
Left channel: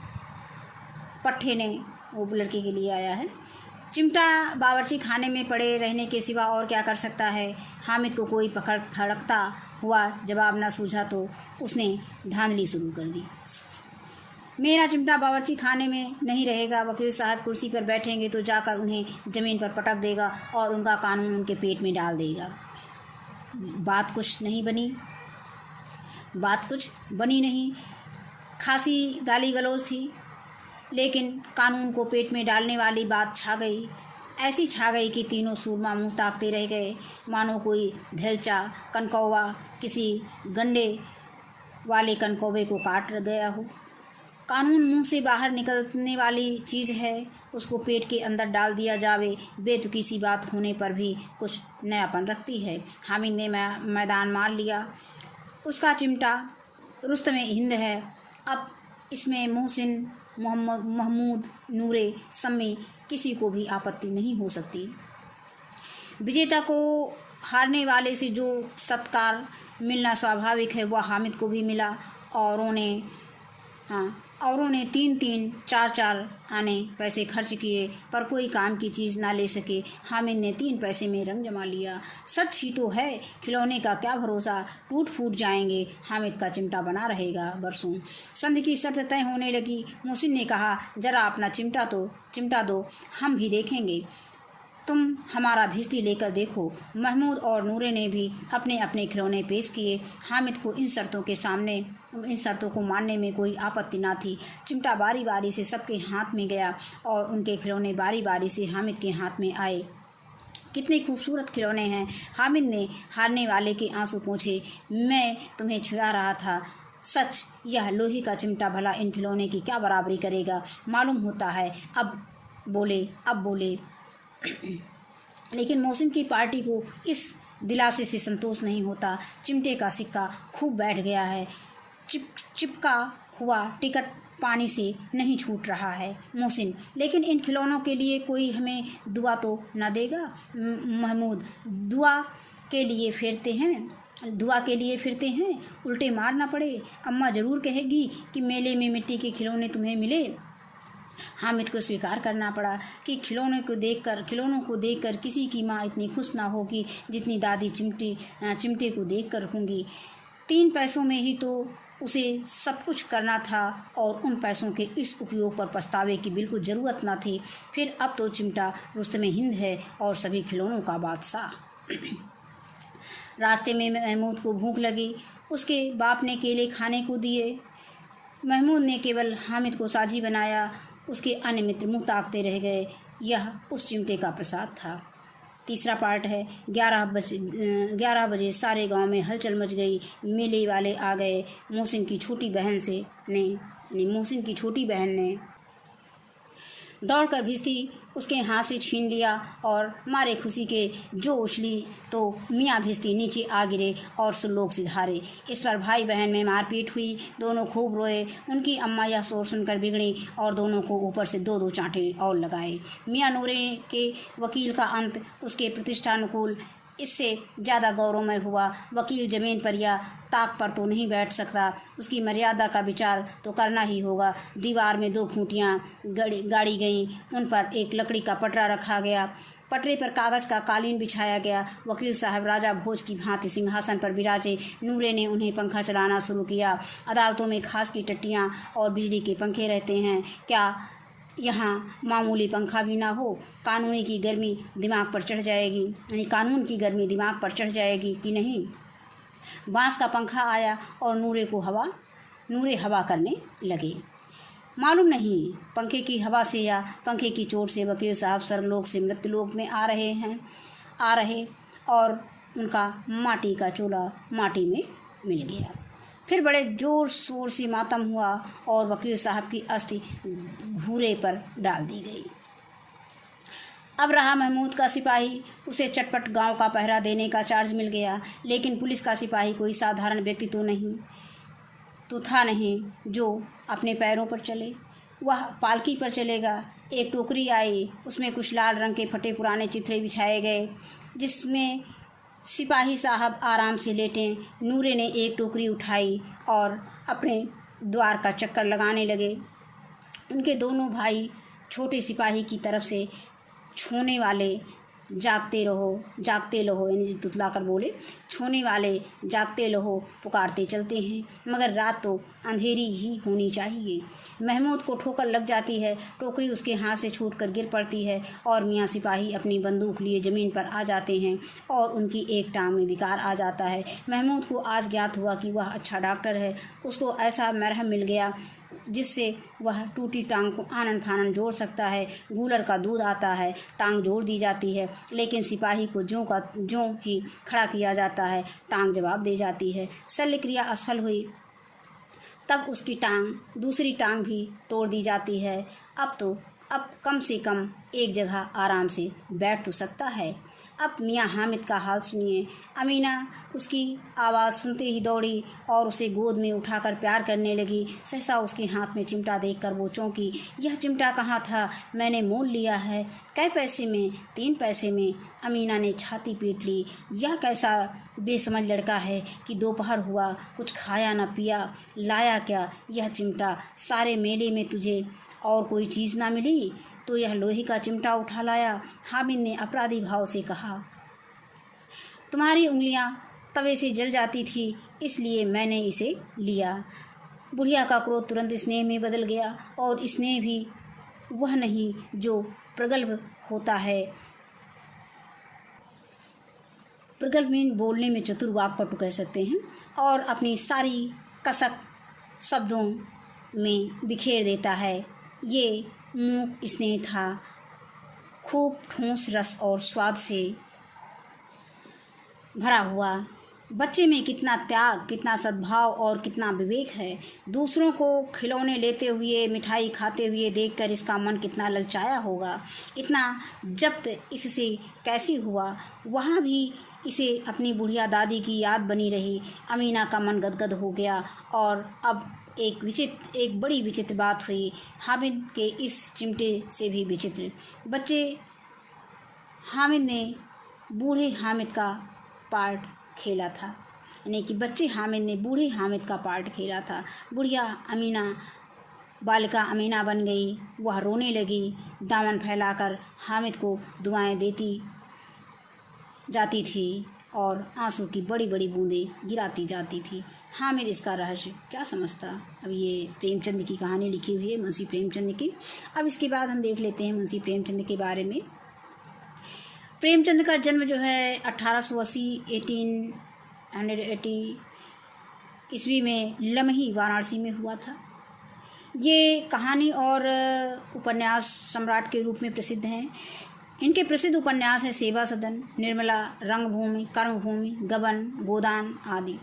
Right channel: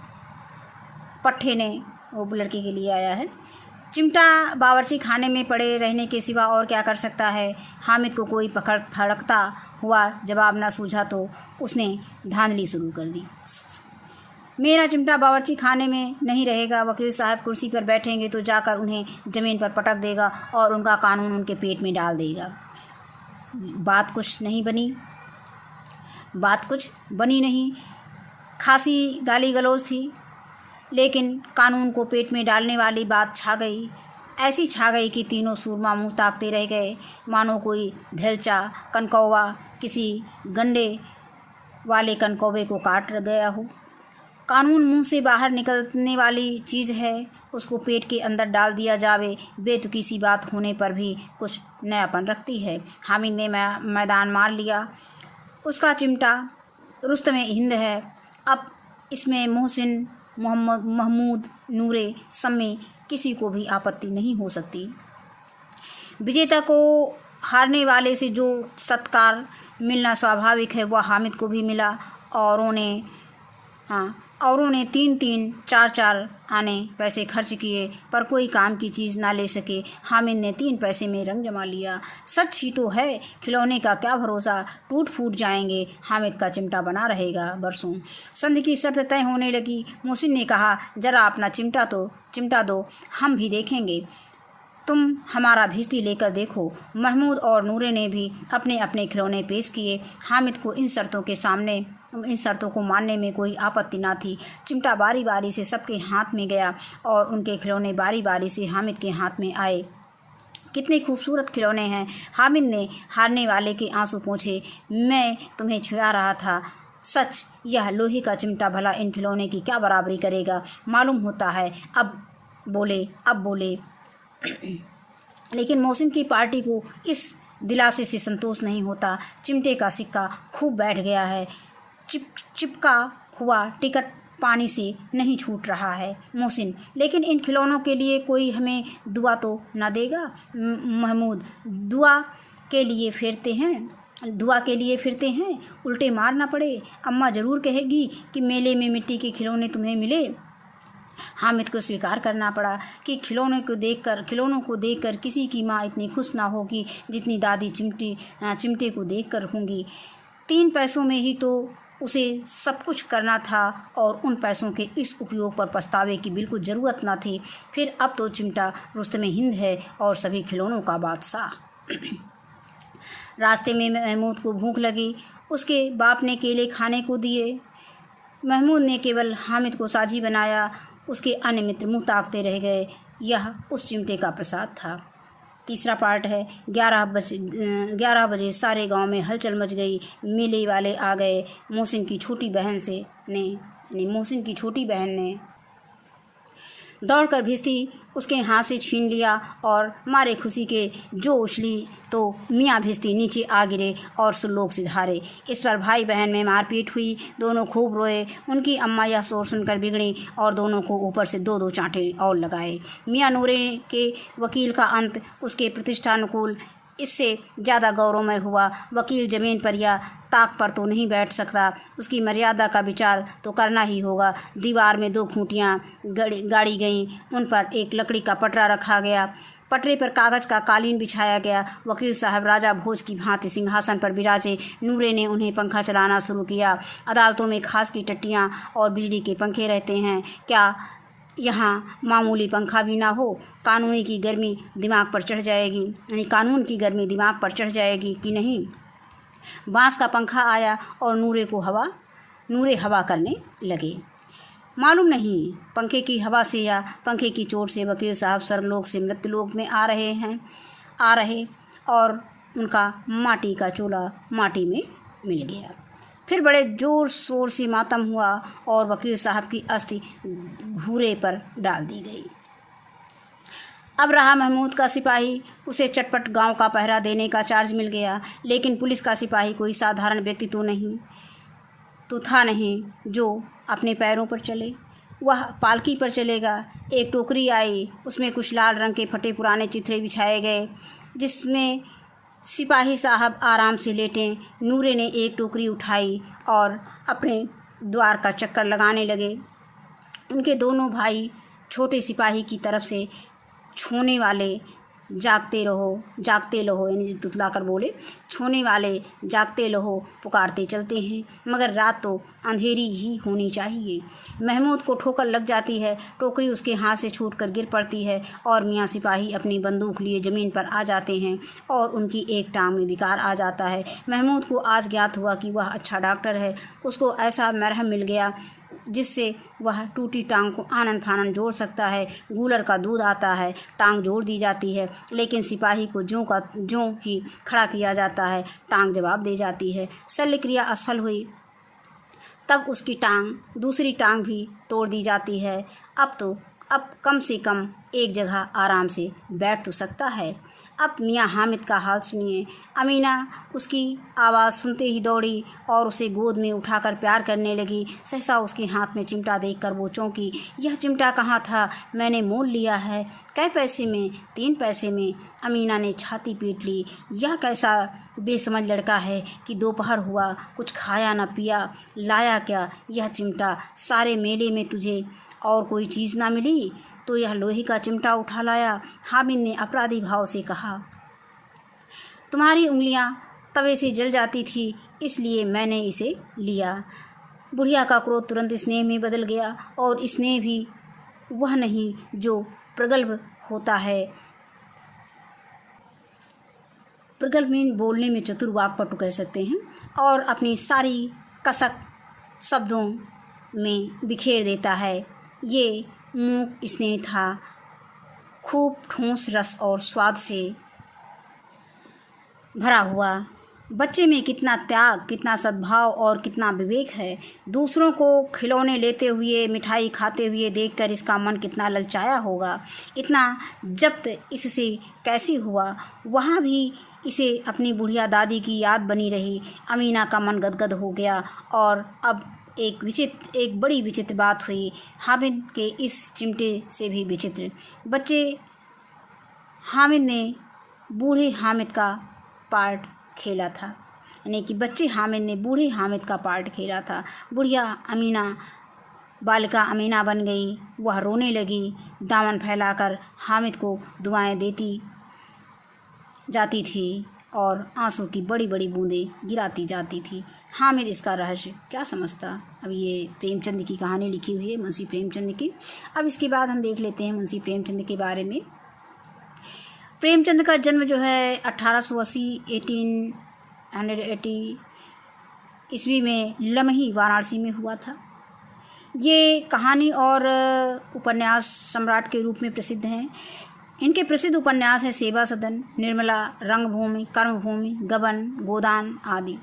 वो लड़की के लिए आया है। चिमटा बावर्ची खाने में पड़े रहने के सिवा और क्या कर सकता है। हामिद को कोई फड़कता हुआ जवाब न सूझा तो उसने धांधली शुरू कर दी। मेरा चिमटा बावर्ची खाने में नहीं रहेगा। वकील साहब कुर्सी पर बैठेंगे तो जाकर उन्हें ज़मीन पर पटक देगा और उनका कानून उनके पेट में डाल देगा। बात कुछ बनी नहीं। खासी गाली गलौज थी, लेकिन कानून को पेट में डालने वाली बात छा गई। ऐसी छा गई कि तीनों सूरमा मुंह ताकते रह गए, मानो कोई धेलचा कनकौवा किसी गंडे वाले कनकौवे को काट गया हो। कानून मुंह से बाहर निकलने वाली चीज़ है, उसको पेट के अंदर डाल दिया जावे बेतुकी सी बात होने पर भी कुछ नयापन रखती है। हामिद ने मैदान मार लिया। उसका चिमटा रुस्तमे हिंद है। अब इसमें मोहसिन, मोहम्मद, महमूद, नूरे, सम्मी किसी को भी आपत्ति नहीं हो सकती। विजेता को हारने वाले से जो सत्कार मिलना स्वाभाविक है वह हामिद को भी मिला। औरों ने 3-3, 4-4 आने पैसे खर्च किए पर कोई काम की चीज़ ना ले सके। हामिद ने 3 पैसे में रंग जमा लिया। सच ही तो है, खिलौने का क्या भरोसा, टूट फूट जाएंगे। हामिद का चिमटा बना रहेगा बरसों। संधि की शर्त तय होने लगी। मोहसिन ने कहा, जरा अपना चिमटा दो, हम भी देखेंगे। तुम हमारा भिश्ती लेकर देखो। महमूद और नूरे ने भी अपने अपने खिलौने पेश किए। हामिद को इन शर्तों को मानने में कोई आपत्ति ना थी। चिमटा बारी बारी से सबके हाथ में गया और उनके खिलौने बारी बारी से हामिद के हाथ में आए। कितने खूबसूरत खिलौने हैं। हामिद ने हारने वाले के आंसू पोंछे। मैं तुम्हें छिड़ा रहा था। सच, यह लोहे का चिमटा भला इन खिलौने की क्या बराबरी करेगा। मालूम होता है। अब बोले लेकिन मोहसिन की पार्टी को इस दिलासे से संतोष नहीं होता। चिमटे का सिक्का खूब बैठ गया है। चिपका हुआ टिकट पानी से नहीं छूट रहा है। मोहसिन, लेकिन इन खिलौनों के लिए कोई हमें दुआ तो न देगा। महमूद, दुआ के लिए फिरते हैं, उल्टे मार ना पड़े। अम्मा ज़रूर कहेगी कि मेले में मिट्टी के खिलौने तुम्हें मिले। हामिद को स्वीकार करना पड़ा कि खिलौनों को देखकर किसी की माँ इतनी खुश ना होगी जितनी दादी चिमटे को देखकर होंगी। 3 पैसों में ही तो उसे सब कुछ करना था और उन पैसों के इस उपयोग पर पछतावे की बिल्कुल ज़रूरत ना थी। फिर अब तो चिमटा रुस्तमे हिंद है और सभी खिलौनों का बादशाह। रास्ते में महमूद को भूख लगी। उसके बाप ने केले खाने को दिए। महमूद ने केवल हामिद को साझी बनाया। उसके अन्य मित्र मुँह ताकते रह गए। यह उस चिमटे का प्रसाद था। तीसरा पार्ट है। 11 बजे सारे गांव में हलचल मच गई। मेले वाले आ गए। मोहसिन की छोटी बहन ने दौड़कर भिश्ती उसके हाथ से छीन लिया और मारे खुशी के जो उछली तो मियाँ भिश्ती नीचे आ गिरे और सुल्लोक सिधारे। इस पर भाई बहन में मारपीट हुई। दोनों खूब रोए। उनकी अम्मा यह शोर सुनकर बिगड़ी और दोनों को ऊपर से 2-2 चांटे और लगाए। मियाँ नूरे के वकील का अंत उसके प्रतिष्ठानुकूल इससे ज़्यादा गौरवमय हुआ। वकील जमीन पर या ताक पर तो नहीं बैठ सकता, उसकी मर्यादा का विचार तो करना ही होगा। दीवार में 2 खूंटियाँ गाड़ी गईं। उन पर एक लकड़ी का पटरा रखा गया। पटरे पर कागज़ का कालीन बिछाया गया। वकील साहब राजा भोज की भांति सिंहासन पर विराजे। नूरे ने उन्हें पंखा चलाना शुरू किया। अदालतों में खास की टट्टियाँ और बिजली के पंखे रहते हैं, क्या यहाँ मामूली पंखा भी ना हो? कानून की गर्मी दिमाग पर चढ़ जाएगी कि नहीं? बांस का पंखा आया और नूरे हवा करने लगे। मालूम नहीं पंखे की हवा से या पंखे की चोट से वकील साहब स्वर्गलोक से मृत्युलोक में आ रहे और उनका माटी का चूल्हा माटी में मिल गया। फिर बड़े जोर शोर से मातम हुआ और वकील साहब की अस्थि घूरे पर डाल दी गई। अब रहा महमूद का सिपाही। उसे चटपट गांव का पहरा देने का चार्ज मिल गया। लेकिन पुलिस का सिपाही कोई साधारण व्यक्ति तो था नहीं जो अपने पैरों पर चले। वह पालकी पर चलेगा। एक टोकरी आई, उसमें कुछ लाल रंग के फटे पुराने चिथड़े बिछाए गए जिसमें सिपाही साहब आराम से लेटे। नूरे ने एक टोकरी उठाई और अपने द्वार का चक्कर लगाने लगे। उनके दोनों भाई छोटे सिपाही की तरफ से छूने वाले जागते रहो यानी तुतला कर बोले, छूने वाले जागते रहो पुकारते चलते हैं, मगर रात तो अंधेरी ही होनी चाहिए। महमूद को ठोकर लग जाती है। टोकरी उसके हाथ से छूटकर गिर पड़ती है और मियाँ सिपाही अपनी बंदूक लिए ज़मीन पर आ जाते हैं और उनकी एक टांग में विकार आ जाता है। महमूद को आज ज्ञात हुआ कि वह अच्छा डॉक्टर है। उसको ऐसा मरहम मिल गया जिससे वह टूटी टांग को आनन फानन जोड़ सकता है। गूलर का दूध आता है, टांग जोड़ दी जाती है, लेकिन सिपाही को ज्यों ही खड़ा किया जाता है, टांग जवाब दे जाती है। शल्य क्रिया असफल हुई तब उसकी दूसरी टांग भी तोड़ दी जाती है। अब कम से कम एक जगह आराम से बैठ तो सकता है। अब मियाँ हामिद का हाल सुनिए। अमीना उसकी आवाज़ सुनते ही दौड़ी और उसे गोद में उठाकर प्यार करने लगी। सहसा उसके हाथ में चिमटा देखकर वो चौंकी। यह चिमटा कहाँ था? मैंने मोल लिया है। कै पैसे में? 3 पैसे में। अमीना ने छाती पीट ली। यह कैसा बेसमझ लड़का है कि दोपहर हुआ, कुछ खाया न पिया, लाया क्या यह चिमटा? सारे मेले में तुझे और कोई चीज़ ना मिली तो यह लोहे का चिमटा उठा लाया। हामिद ने अपराधी भाव से कहा, तुम्हारी उंगलियां तवे से जल जाती थी, इसलिए मैंने इसे लिया। बुढ़िया का क्रोध तुरंत स्नेह में बदल गया, और स्नेह भी वह नहीं जो प्रगल्भ होता है। प्रगल्भ में बोलने में चतुर वाक्पटु कह सकते हैं, और अपनी सारी कसक शब्दों में बिखेर देता है। ये मूक स्नेह था, खूब ठोस रस और स्वाद से भरा हुआ। बच्चे में कितना त्याग, कितना सद्भाव और कितना विवेक है। दूसरों को खिलौने लेते हुए, मिठाई खाते हुए देखकर इसका मन कितना ललचाया होगा। इतना जब्त इससे कैसे हुआ? वहाँ भी इसे अपनी बुढ़िया दादी की याद बनी रही। अमीना का मन गदगद हो गया। और अब एक बड़ी विचित्र बात हुई। हामिद के इस चिमटे से भी विचित्र। हामिद ने बूढ़े हामिद का पार्ट खेला था, यानी कि बच्चे हामिद ने बूढ़े हामिद का पार्ट खेला था। बुढ़िया अमीना बालिका अमीना बन गई। वह रोने लगी, दामन फैलाकर हामिद को दुआएं देती जाती थी और आंसू की बड़ी बड़ी बूंदें गिराती जाती थी। हामिद इसका रहस्य क्या समझता? अब ये प्रेमचंद की कहानी लिखी हुई है, मुंशी प्रेमचंद की। अब इसके बाद हम देख लेते हैं मुंशी प्रेमचंद के बारे में। प्रेमचंद का जन्म जो है 1880 ईस्वी में लमही वाराणसी में हुआ था। ये कहानी और उपन्यास सम्राट के रूप में प्रसिद्ध हैं। इनके प्रसिद्ध उपन्यास हैं सेवा सदन, निर्मला, रंगभूमि, कर्मभूमि, गबन, गोदान आदि।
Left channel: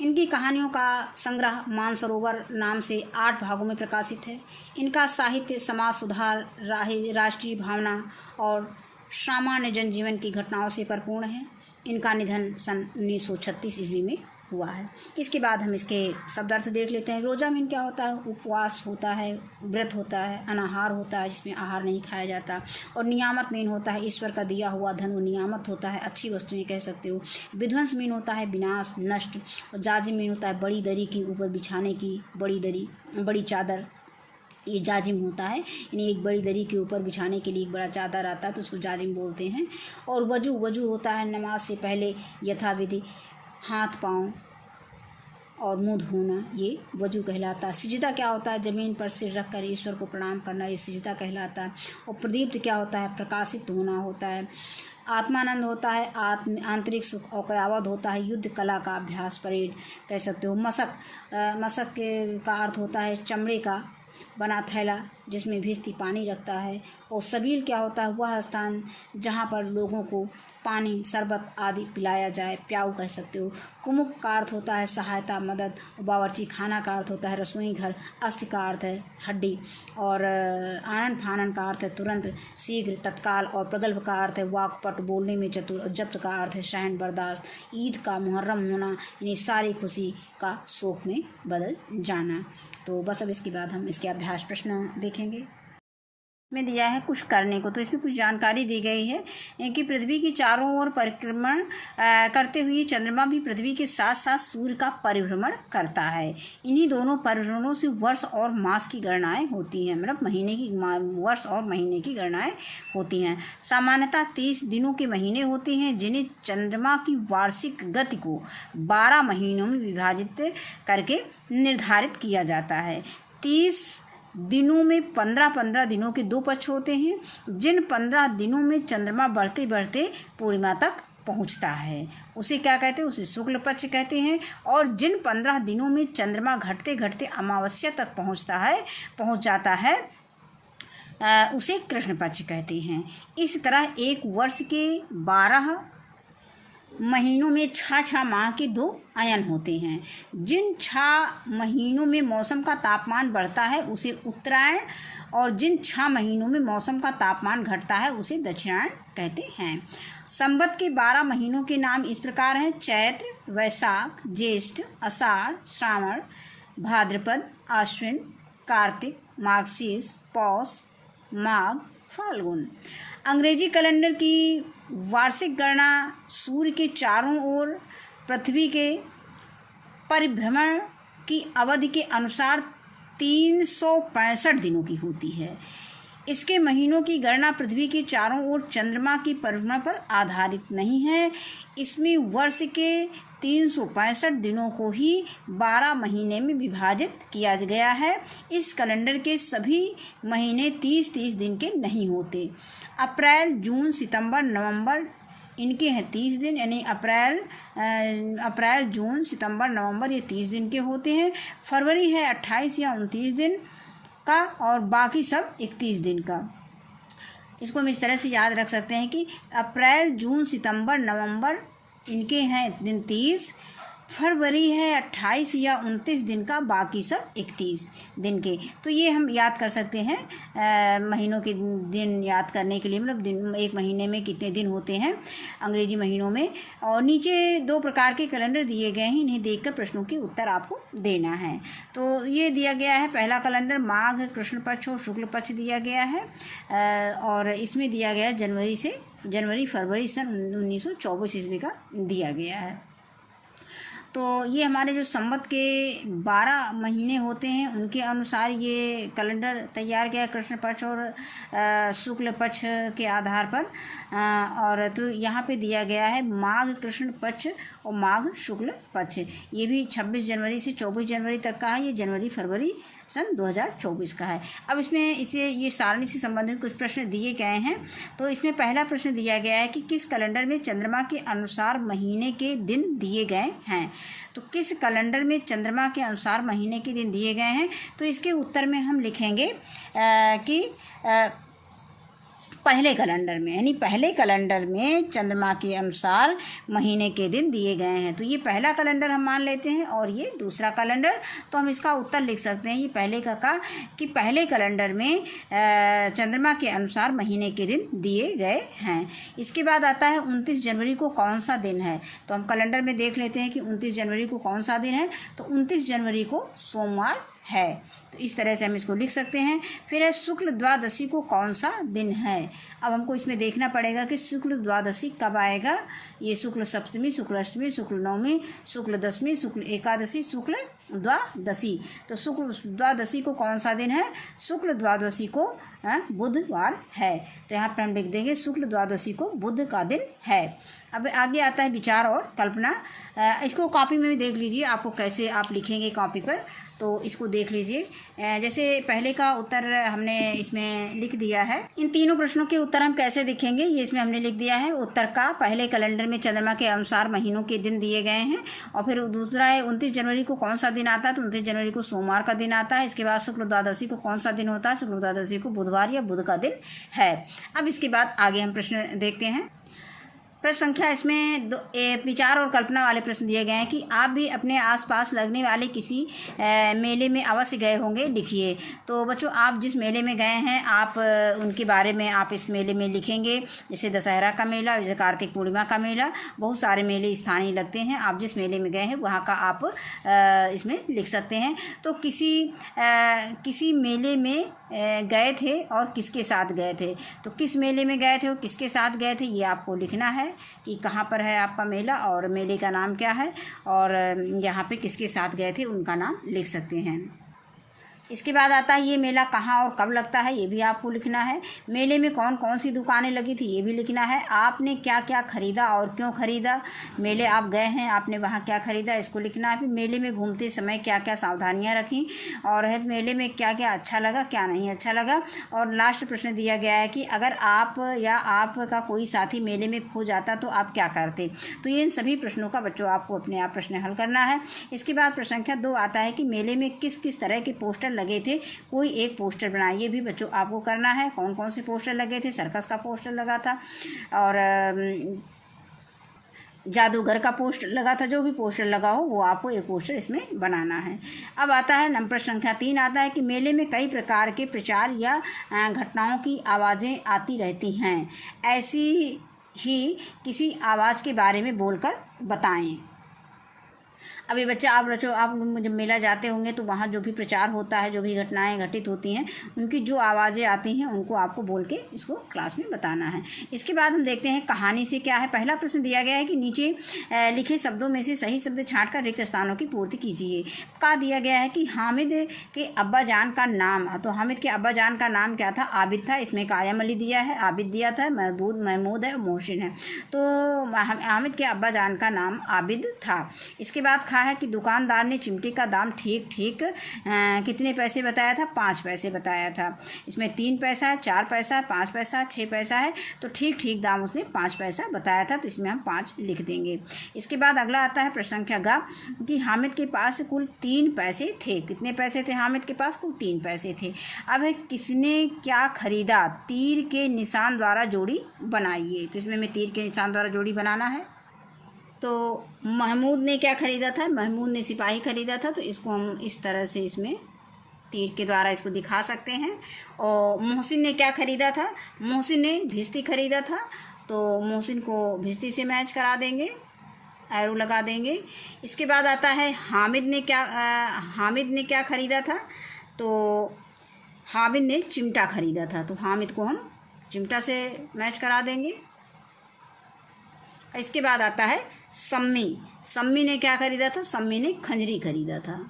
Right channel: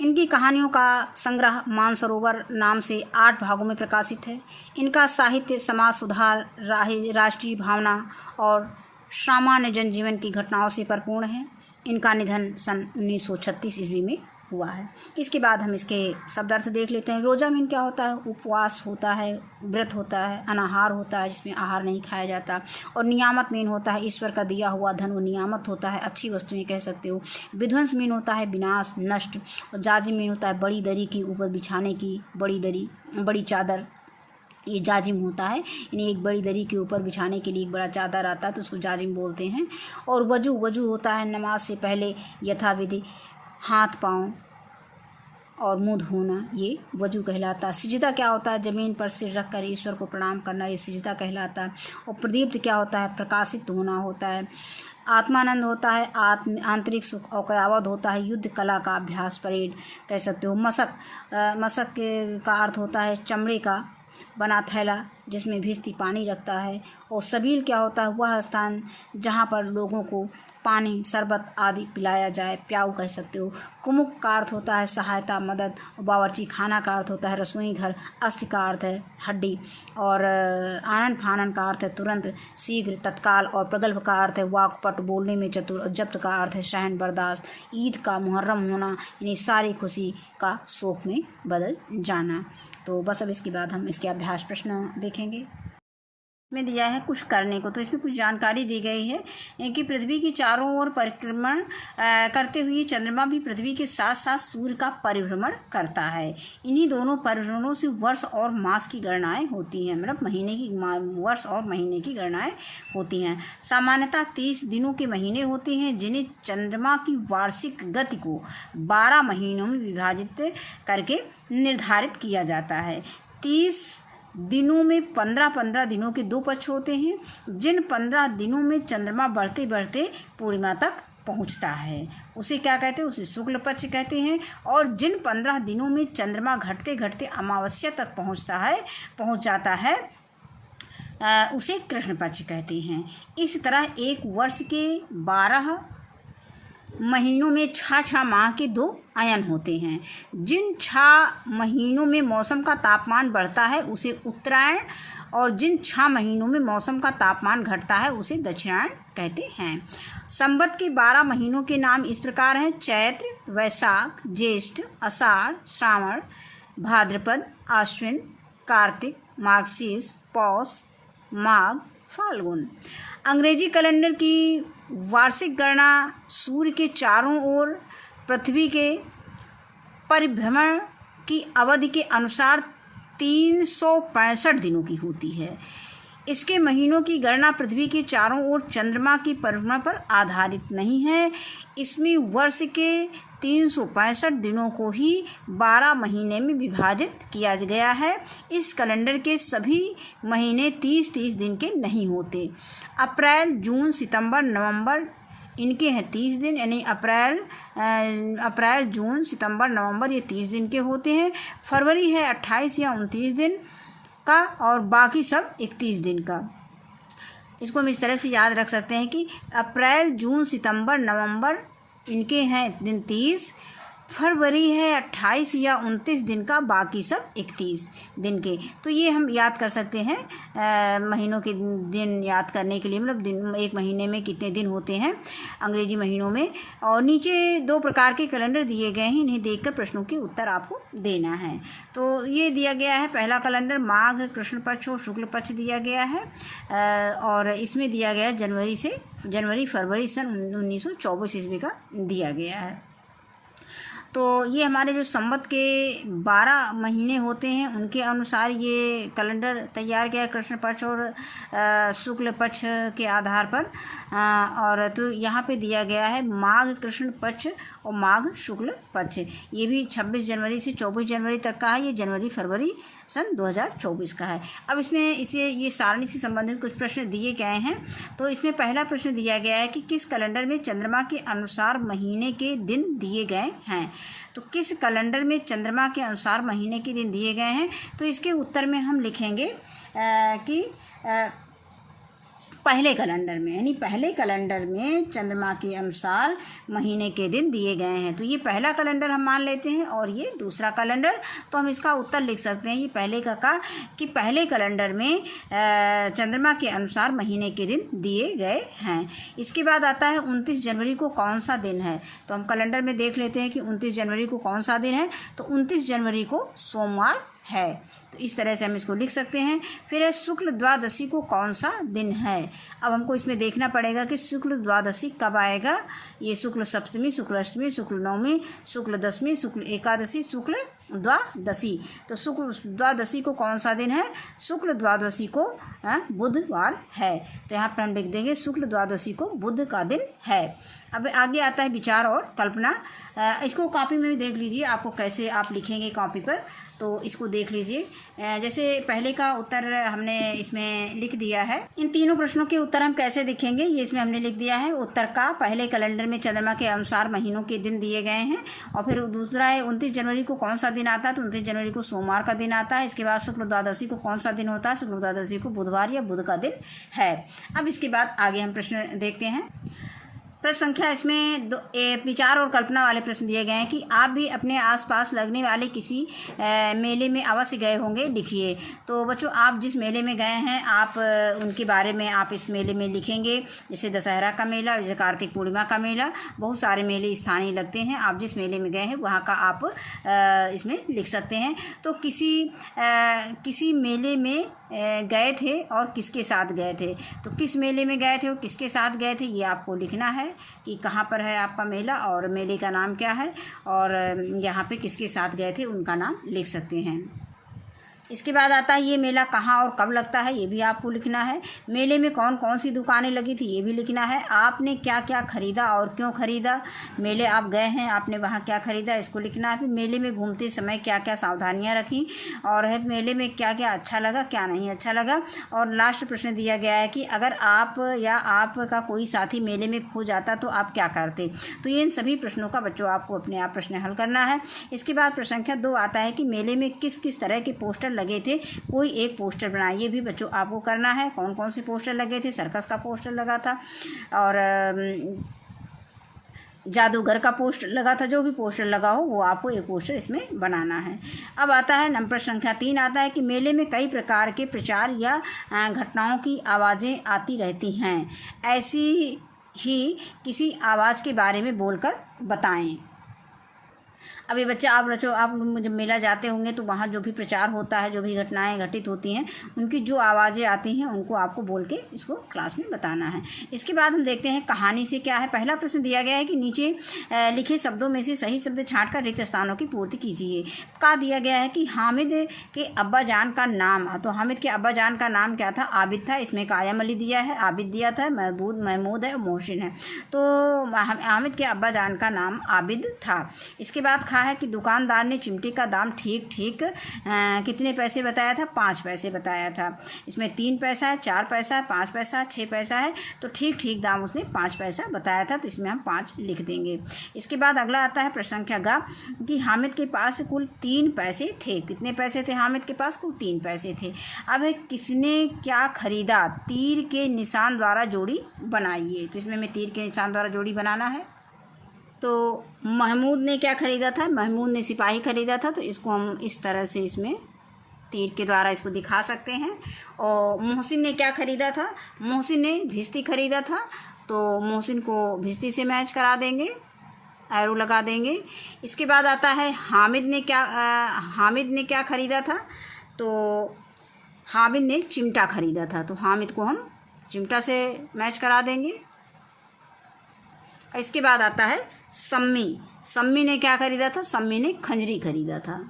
इनकी कहानियों का संग्रह मानसरोवर नाम से 8 भागों में प्रकाशित है। इनका साहित्य समाज सुधार, राष्ट्रीय भावना और सामान्य जनजीवन की घटनाओं से परिपूर्ण है। इनका निधन सन 1936 ईस्वी में हुआ है। इसके बाद हम इसके शब्दार्थ देख लेते हैं। रोजा मीन क्या होता है? उपवास होता है, व्रत होता है, अनाहार होता है जिसमें आहार नहीं खाया जाता। और नियामत मीन होता है ईश्वर का दिया हुआ धन, वो नियामत होता है, अच्छी वस्तुएं कह सकते हो। विध्वंस मीन होता है विनाश, नष्ट। और जाजिम मीन होता है बड़ी दरी के ऊपर बिछाने की बड़ी चादर, ये जाजिम होता है। यानी एक बड़ी दरी के ऊपर बिछाने के लिए एक बड़ा चादर आता है तो उसको जाजिम बोलते हैं। और वजू होता है नमाज से पहले यथाविधि हाथ पाँव और मुँह धोना, ये वजू कहलाता है। सिजदा क्या होता है? ज़मीन पर सिर रख कर ईश्वर को प्रणाम करना, ये सिजदा कहलाता है। और प्रदीप्त क्या होता है? प्रकाशित होना होता है। आत्मानंद होता है आंतरिक सुख। और कयावत होता है युद्ध कला का अभ्यास, परेड कह सकते हो। मशक का अर्थ होता है चमड़े का बना थैला जिसमें भिजती पानी रखता है। और सबील क्या होता है? वह स्थान जहाँ पर लोगों को पानी, शरबत आदि पिलाया जाए, प्याऊ कह सकते हो। कुमुक का अर्थ होता है सहायता, मदद। और बावर्ची खाना का अर्थ होता है रसोई घर। अस्थि का अर्थ है हड्डी। और आनन फानन का अर्थ है तुरंत, शीघ्र, तत्काल। और प्रगल्भ का अर्थ है वाक्पट, बोलने में चतुर। और जब्त का अर्थ है सहन बर्दाश्त। ईद का मुहर्रम होना, यानी सारी खुशी का शोक में बदल जाना। तो बस अब इसके बाद हम इसके अभ्यास प्रश्न देखेंगे। में दिया है कुछ करने को, तो इसमें कुछ जानकारी दी गई है कि पृथ्वी की चारों ओर परिक्रमण करते हुए चंद्रमा भी पृथ्वी के साथ साथ सूर्य का परिभ्रमण करता है। इन्हीं दोनों परिभ्रमणों से वर्ष और मास की गणनाएं होती हैं, मतलब वर्ष और महीने की गणनाएं होती हैं। सामान्यतः 30 दिनों के महीने होते हैं जिन्हें चंद्रमा की वार्षिक गति को 12 महीनों में विभाजित करके निर्धारित किया जाता है। 30 दिनों में 15 दिनों के 2 पक्ष होते हैं, जिन 15 दिनों में चंद्रमा बढ़ते बढ़ते पूर्णिमा तक पहुंचता है उसे क्या कहते हैं, उसे शुक्ल पक्ष कहते हैं। और जिन 15 दिनों में चंद्रमा घटते घटते अमावस्या तक पहुंच जाता है उसे कृष्ण पक्ष कहते हैं। इस तरह एक वर्ष के 12 महीनों में 6 माह के 2 अयन होते हैं। जिन 6 महीनों में मौसम का तापमान बढ़ता है उसे उत्तरायण, और जिन 6 महीनों में मौसम का तापमान घटता है उसे दक्षिणायन कहते हैं। संवत के 12 महीनों के नाम इस प्रकार हैं: चैत्र, वैशाख, ज्येष्ठ, आषाढ़, श्रावण, भाद्रपद, आश्विन, कार्तिक, मार्गशीर्ष, पौष, माघ, फाल्गुन। अंग्रेजी कैलेंडर की वार्षिक गणना सूर्य के चारों ओर पृथ्वी के परिभ्रमण की अवधि के अनुसार 365 दिनों की होती है। इसके महीनों की गणना पृथ्वी के चारों ओर चंद्रमा की परिभ्रमण पर आधारित नहीं है। इसमें वर्ष के 365 दिनों को ही 12 महीने में विभाजित किया गया है। इस कैलेंडर के सभी महीने 30-30 दिन के नहीं होते। अप्रैल, जून, सितंबर, नवंबर इनके हैं 30 दिन, यानी अप्रैल, जून, सितंबर, नवंबर ये 30 दिन के होते हैं। फरवरी है 28 या 29 दिन का, और बाकी सब 31 दिन का। इसको हम इस तरह से याद रख सकते हैं कि अप्रैल, जून, सितंबर, नवंबर इनके हैं दिन 30, फरवरी है 28 या 29 दिन का, बाकी सब 31 दिन के। तो ये हम याद कर सकते हैं महीनों के दिन याद करने के लिए, मतलब दिन एक महीने में कितने दिन होते हैं अंग्रेजी महीनों में। और नीचे 2 प्रकार के कैलेंडर दिए गए हैं, इन्हें देखकर प्रश्नों के उत्तर आपको देना है। तो ये दिया गया है पहला कैलेंडर माघ कृष्ण पक्ष और शुक्ल पक्ष दिया गया है, और इसमें दिया गया जनवरी फरवरी सन 1924 ईस्वी का दिया गया है। तो ये हमारे जो संवत के 12 महीने होते हैं उनके अनुसार ये कैलेंडर तैयार किया कृष्ण पक्ष और शुक्ल पक्ष के आधार पर। और तो यहाँ पे दिया गया है माघ कृष्ण पक्ष और माघ शुक्ल पक्ष। ये भी 26 जनवरी से 24 जनवरी तक का है, ये जनवरी फरवरी सन 2024 का है। अब इसमें ये सारणी से संबंधित कुछ प्रश्न दिए गए हैं। तो इसमें पहला प्रश्न दिया गया है कि किस कैलेंडर में चंद्रमा के अनुसार महीने के दिन दिए गए हैं। तो किस कैलेंडर में चंद्रमा के अनुसार महीने के दिन दिए गए हैं, तो इसके उत्तर में हम लिखेंगे कि पहले कैलेंडर में, यानी पहले कैलेंडर में चंद्रमा के अनुसार महीने के दिन दिए गए हैं। तो ये पहला कैलेंडर हम मान लेते हैं और ये दूसरा कैलेंडर। तो हम इसका उत्तर लिख सकते हैं, ये पहले का कि पहले कैलेंडर में चंद्रमा के अनुसार महीने के दिन दिए गए हैं। इसके बाद आता है 29 जनवरी को कौन सा दिन है। तो हम कैलेंडर में देख लेते हैं कि 29 जनवरी को कौन सा दिन है। तो 29 जनवरी को सोमवार है। तो इस तरह से हम इसको लिख सकते हैं। फिर है शुक्ल द्वादशी को कौन सा दिन है। अब हमको इसमें देखना पड़ेगा कि शुक्ल द्वादशी कब आएगा। ये शुक्ल सप्तमी, शुक्ल अष्टमी, शुक्ल नवमी, शुक्ल दशमी, शुक्ल एकादशी, शुक्ल द्वादशी। तो शुक्ल द्वादशी को कौन सा दिन है। शुक्ल द्वादशी को बुधवार है। तो यहाँ पर हम लिख देंगे शुक्ल द्वादशी को बुध का दिन है। अब आगे आता है विचार और कल्पना। इसको कॉपी में भी देख लीजिए, आपको कैसे आप लिखेंगे कॉपी पर, तो इसको देख लीजिए। जैसे पहले का उत्तर हमने इसमें लिख दिया है। इन तीनों प्रश्नों के उत्तर हम कैसे लिखेंगे, ये इसमें हमने लिख दिया है। उत्तर का पहले कैलेंडर में चंद्रमा के अनुसार महीनों के दिन दिए गए हैं। और फिर दूसरा है 29 जनवरी को कौन सा दिन आता है। तो 29 जनवरी को सोमवार का दिन आता है। इसके बाद शुक्ल द्वादशी को कौन सा दिन होता है। शुक्ल द्वादशी को बुधवार या बुध का दिन है। अब इसके बाद आगे हम प्रश्न देखते हैं। प्रश्न संख्या इसमें विचार और कल्पना वाले प्रश्न दिए गए हैं कि आप भी अपने आसपास लगने वाले किसी मेले में अवश्य गए होंगे, लिखिए। तो बच्चों, आप जिस मेले में गए हैं आप उनके बारे में आप इस मेले में लिखेंगे। जैसे दशहरा का मेला, जैसे कार्तिक पूर्णिमा का मेला, बहुत सारे मेले स्थानीय लगते हैं। आप जिस मेले में गए हैं वहाँ का आप इसमें लिख सकते हैं। तो किसी मेले में गए थे और किसके साथ गए थे। तो किस मेले में गए थे और किसके साथ गए थे, ये आपको लिखना है कि कहाँ पर है आपका मेला और मेले का नाम क्या है, और यहाँ पे किसके साथ गए थे उनका नाम लिख सकते हैं। इसके बाद आता है ये मेला कहाँ और कब लगता है, ये भी आपको लिखना है। मेले में कौन कौन सी दुकानें लगी थी, ये भी लिखना है। आपने क्या क्या खरीदा और क्यों खरीदा, मेले आप गए हैं, आपने वहाँ क्या खरीदा, इसको लिखना है। फिर मेले में घूमते समय क्या क्या सावधानियाँ रखी, और है मेले में क्या क्या अच्छा लगा, क्या नहीं अच्छा लगा। और लास्ट प्रश्न दिया गया है कि अगर आप या आपका कोई साथी मेले में खो जाता तो आप क्या करते। तो ये इन सभी प्रश्नों का बच्चों आपको अपने आप प्रश्न हल करना है। इसके बाद प्रश्न संख्या 2 आता है कि मेले में किस किस तरह के पोस्टर लगे थे, कोई एक पोस्टर बनाइए। ये भी बच्चों आपको करना है। कौन कौन से पोस्टर लगे थे, सर्कस का पोस्टर लगा था और जादूगर का पोस्टर लगा था। जो भी पोस्टर लगा हो वो आपको एक पोस्टर इसमें बनाना है। अब आता है नंबर संख्या 3 आता है कि मेले में कई प्रकार के प्रचार या घटनाओं की आवाज़ें आती रहती हैं, ऐसी ही किसी आवाज़ के बारे में बोलकर बताएं। अभी बच्चे आप जब मेला जाते होंगे तो वहाँ जो भी प्रचार होता है, जो भी घटनाएं घटित होती हैं, उनकी जो आवाज़ें आती हैं उनको आपको बोल के इसको क्लास में बताना है। इसके बाद हम देखते हैं कहानी से क्या है। पहला प्रश्न दिया गया है कि नीचे लिखे शब्दों में से सही शब्द छांटकर रिक्त स्थानों की पूर्ति कीजिए। का दिया गया है कि हामिद के अब्बा जान का नाम, तो हामिद के अब्बा जान का नाम क्या था, आबिद था। इसमें कायम अली दिया है, आबिद दिया था, महमूद है, मोहसिन है। तो हामिद के अब्बा जान का नाम आबिद था। इसके बाद है कि दुकानदार ने चिमटे का दाम ठीक कितने पैसे बताया था, 5 पैसे बताया था। इसमें 3 पैसा है, 4 पैसा है, 5 पैसा है, 6 पैसा है। तो ठीक दाम उसने 5 पैसा बताया था, तो इसमें हम 5 लिख देंगे। इसके बाद अगला आता है प्रश्न संख्या ग कि हामिद के पास कुल 3 पैसे थे। कितने पैसे थे हामिद के पास, कुल 3 पैसे थे। अब है किसने क्या खरीदा, तीर के निशान द्वारा जोड़ी बनाइए। तो इसमें हमें तीर के निशान द्वारा जोड़ी बनाना है। तो महमूद ने क्या खरीदा था, महमूद ने सिपाही खरीदा था। तो इसको हम इस तरह से इसमें तीर के द्वारा इसको दिखा सकते हैं। और मोहसिन ने क्या खरीदा था, मोहसिन ने भिश्ती खरीदा था। तो मोहसिन को भिश्ती से मैच करा देंगे, एरो लगा देंगे। इसके बाद आता है हामिद ने क्या खरीदा था। तो हामिद ने चिमटा खरीदा था। तो हामिद को हम चिमटा से मैच करा देंगे। इसके बाद आता है सम्मी ने क्या खरीदा था, सम्मी ने खंजरी खरीदा था।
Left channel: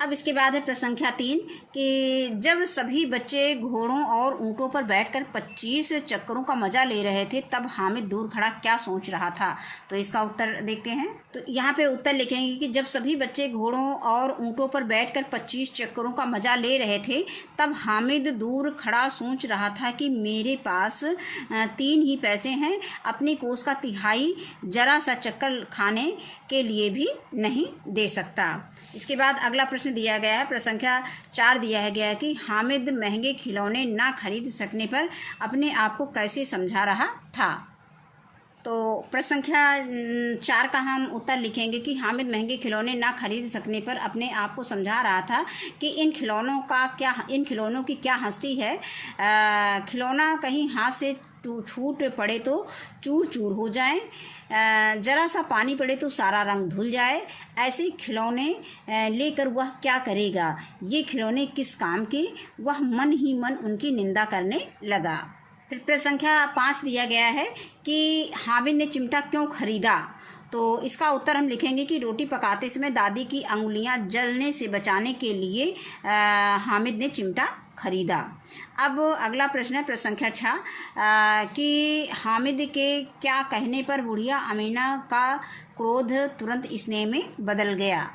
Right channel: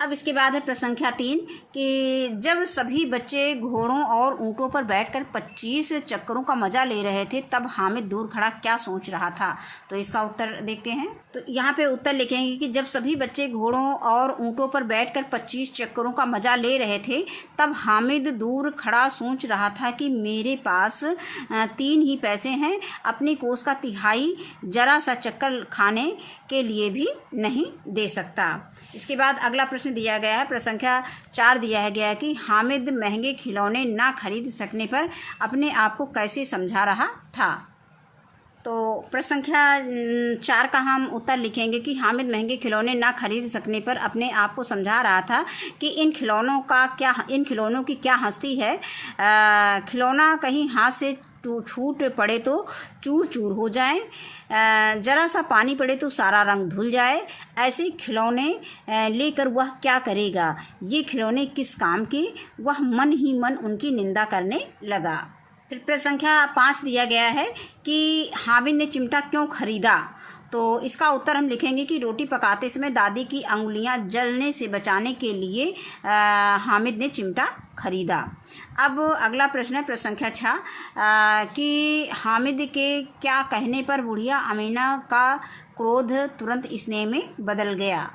अब इसके बाद है प्रश्न संख्या 3 कि जब सभी बच्चे घोड़ों और ऊँटों पर बैठकर 25 चक्करों का मजा ले रहे थे तब हामिद दूर खड़ा क्या सोच रहा था। तो इसका उत्तर देखते हैं। तो यहाँ पे उत्तर लिखेंगे कि जब सभी बच्चे घोड़ों और ऊँटों पर बैठकर 25 चक्करों का मजा ले रहे थे तब हामिद दूर खड़ा सोच रहा था कि मेरे पास 3 ही पैसे हैं, अपनी कोस का तिहाई जरा सा चक्कर खाने के लिए भी नहीं दे सकता। इसके बाद अगला प्रश्न दिया गया है, प्रश्न संख्या 4 दिया गया है कि हामिद महंगे खिलौने ना खरीद सकने पर अपने आप को कैसे समझा रहा था। तो प्रश्न संख्या 4 का हम उत्तर लिखेंगे कि हामिद महंगे खिलौने ना खरीद सकने पर अपने आप को समझा रहा था कि इन खिलौनों की क्या हस्ती है। खिलौना कहीं हाथ से छूट पड़े तो चूर चूर हो जाए, जरा सा पानी पड़े तो सारा रंग धुल जाए। ऐसे खिलौने लेकर वह क्या करेगा, ये खिलौने किस काम के। वह मन ही मन उनकी निंदा करने लगा। फिर प्रश्न संख्या 5 दिया गया है कि हामिद ने चिमटा क्यों खरीदा। तो इसका उत्तर हम लिखेंगे कि रोटी पकाते समय दादी की अंगुलियां जलने से बचाने के लिए हामिद ने चिमटा खरीदा। अब अगला प्रश्न है प्रश्न संख्या 6 कि हामिद के क्या कहने पर बुढ़िया अमीना का क्रोध तुरंत स्नेह में बदल गया।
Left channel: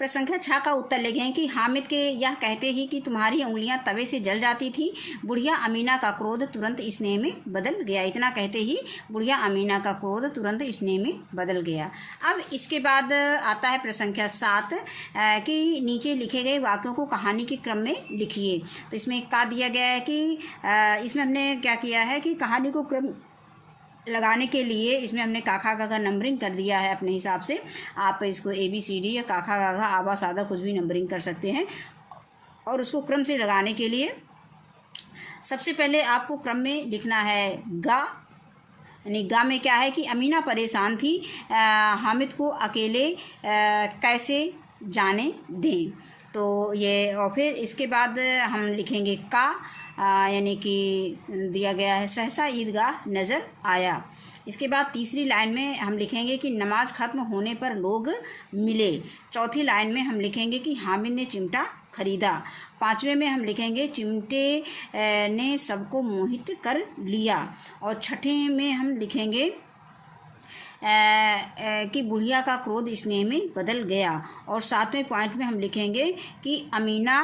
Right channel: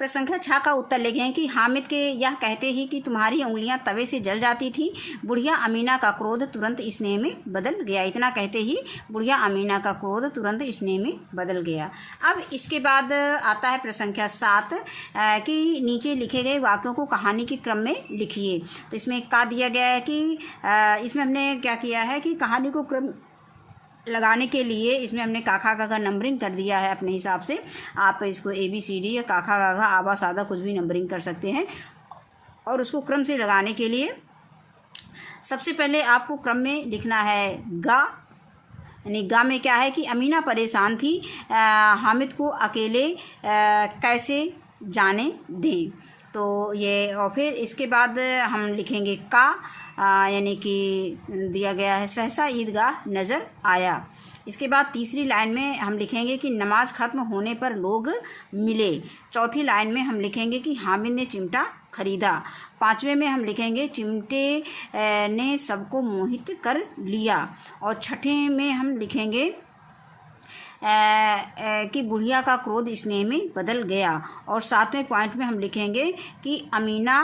प्रश्न संख्या 6 का उत्तर लिखें कि हामिद के यह कहते ही कि तुम्हारी उंगलियां तवे से जल जाती थी, बुढ़िया अमीना का क्रोध तुरंत स्नेह में बदल गया। इतना कहते ही बुढ़िया अमीना का क्रोध तुरंत स्नेह में बदल गया। अब इसके बाद आता है प्रश्न संख्या 7 कि नीचे लिखे गए वाक्यों को कहानी के क्रम में लिखिए। तो इसमें क्या दिया गया है कि इसमें हमने क्या किया है कि कहानी को क्रम लगाने के लिए इसमें हमने काखा काका नंबरिंग कर दिया है अपने हिसाब से। आप इसको ABCD या काखा काका आबा सादा कुछ भी नंबरिंग कर सकते हैं। और उसको क्रम से लगाने के लिए सबसे पहले आपको क्रम में लिखना है गा, यानी गा में क्या है कि अमीना परेशान थी, हामिद को अकेले कैसे जाने दें। तो ये और फिर इसके बाद हम लिखेंगे का, यानी कि दिया गया है सहसा ईदगाह नज़र आया। इसके बाद तीसरी लाइन में हम लिखेंगे कि नमाज खत्म होने पर लोग मिले। चौथी लाइन में हम लिखेंगे कि हामिद ने चिमटा खरीदा। पांचवें में हम लिखेंगे चिमटे ने सबको मोहित कर लिया। और छठे में हम लिखेंगे कि बुढ़िया का क्रोध स्नेह में बदल गया। और सातवें पॉइंट में हम लिखेंगे कि अमीना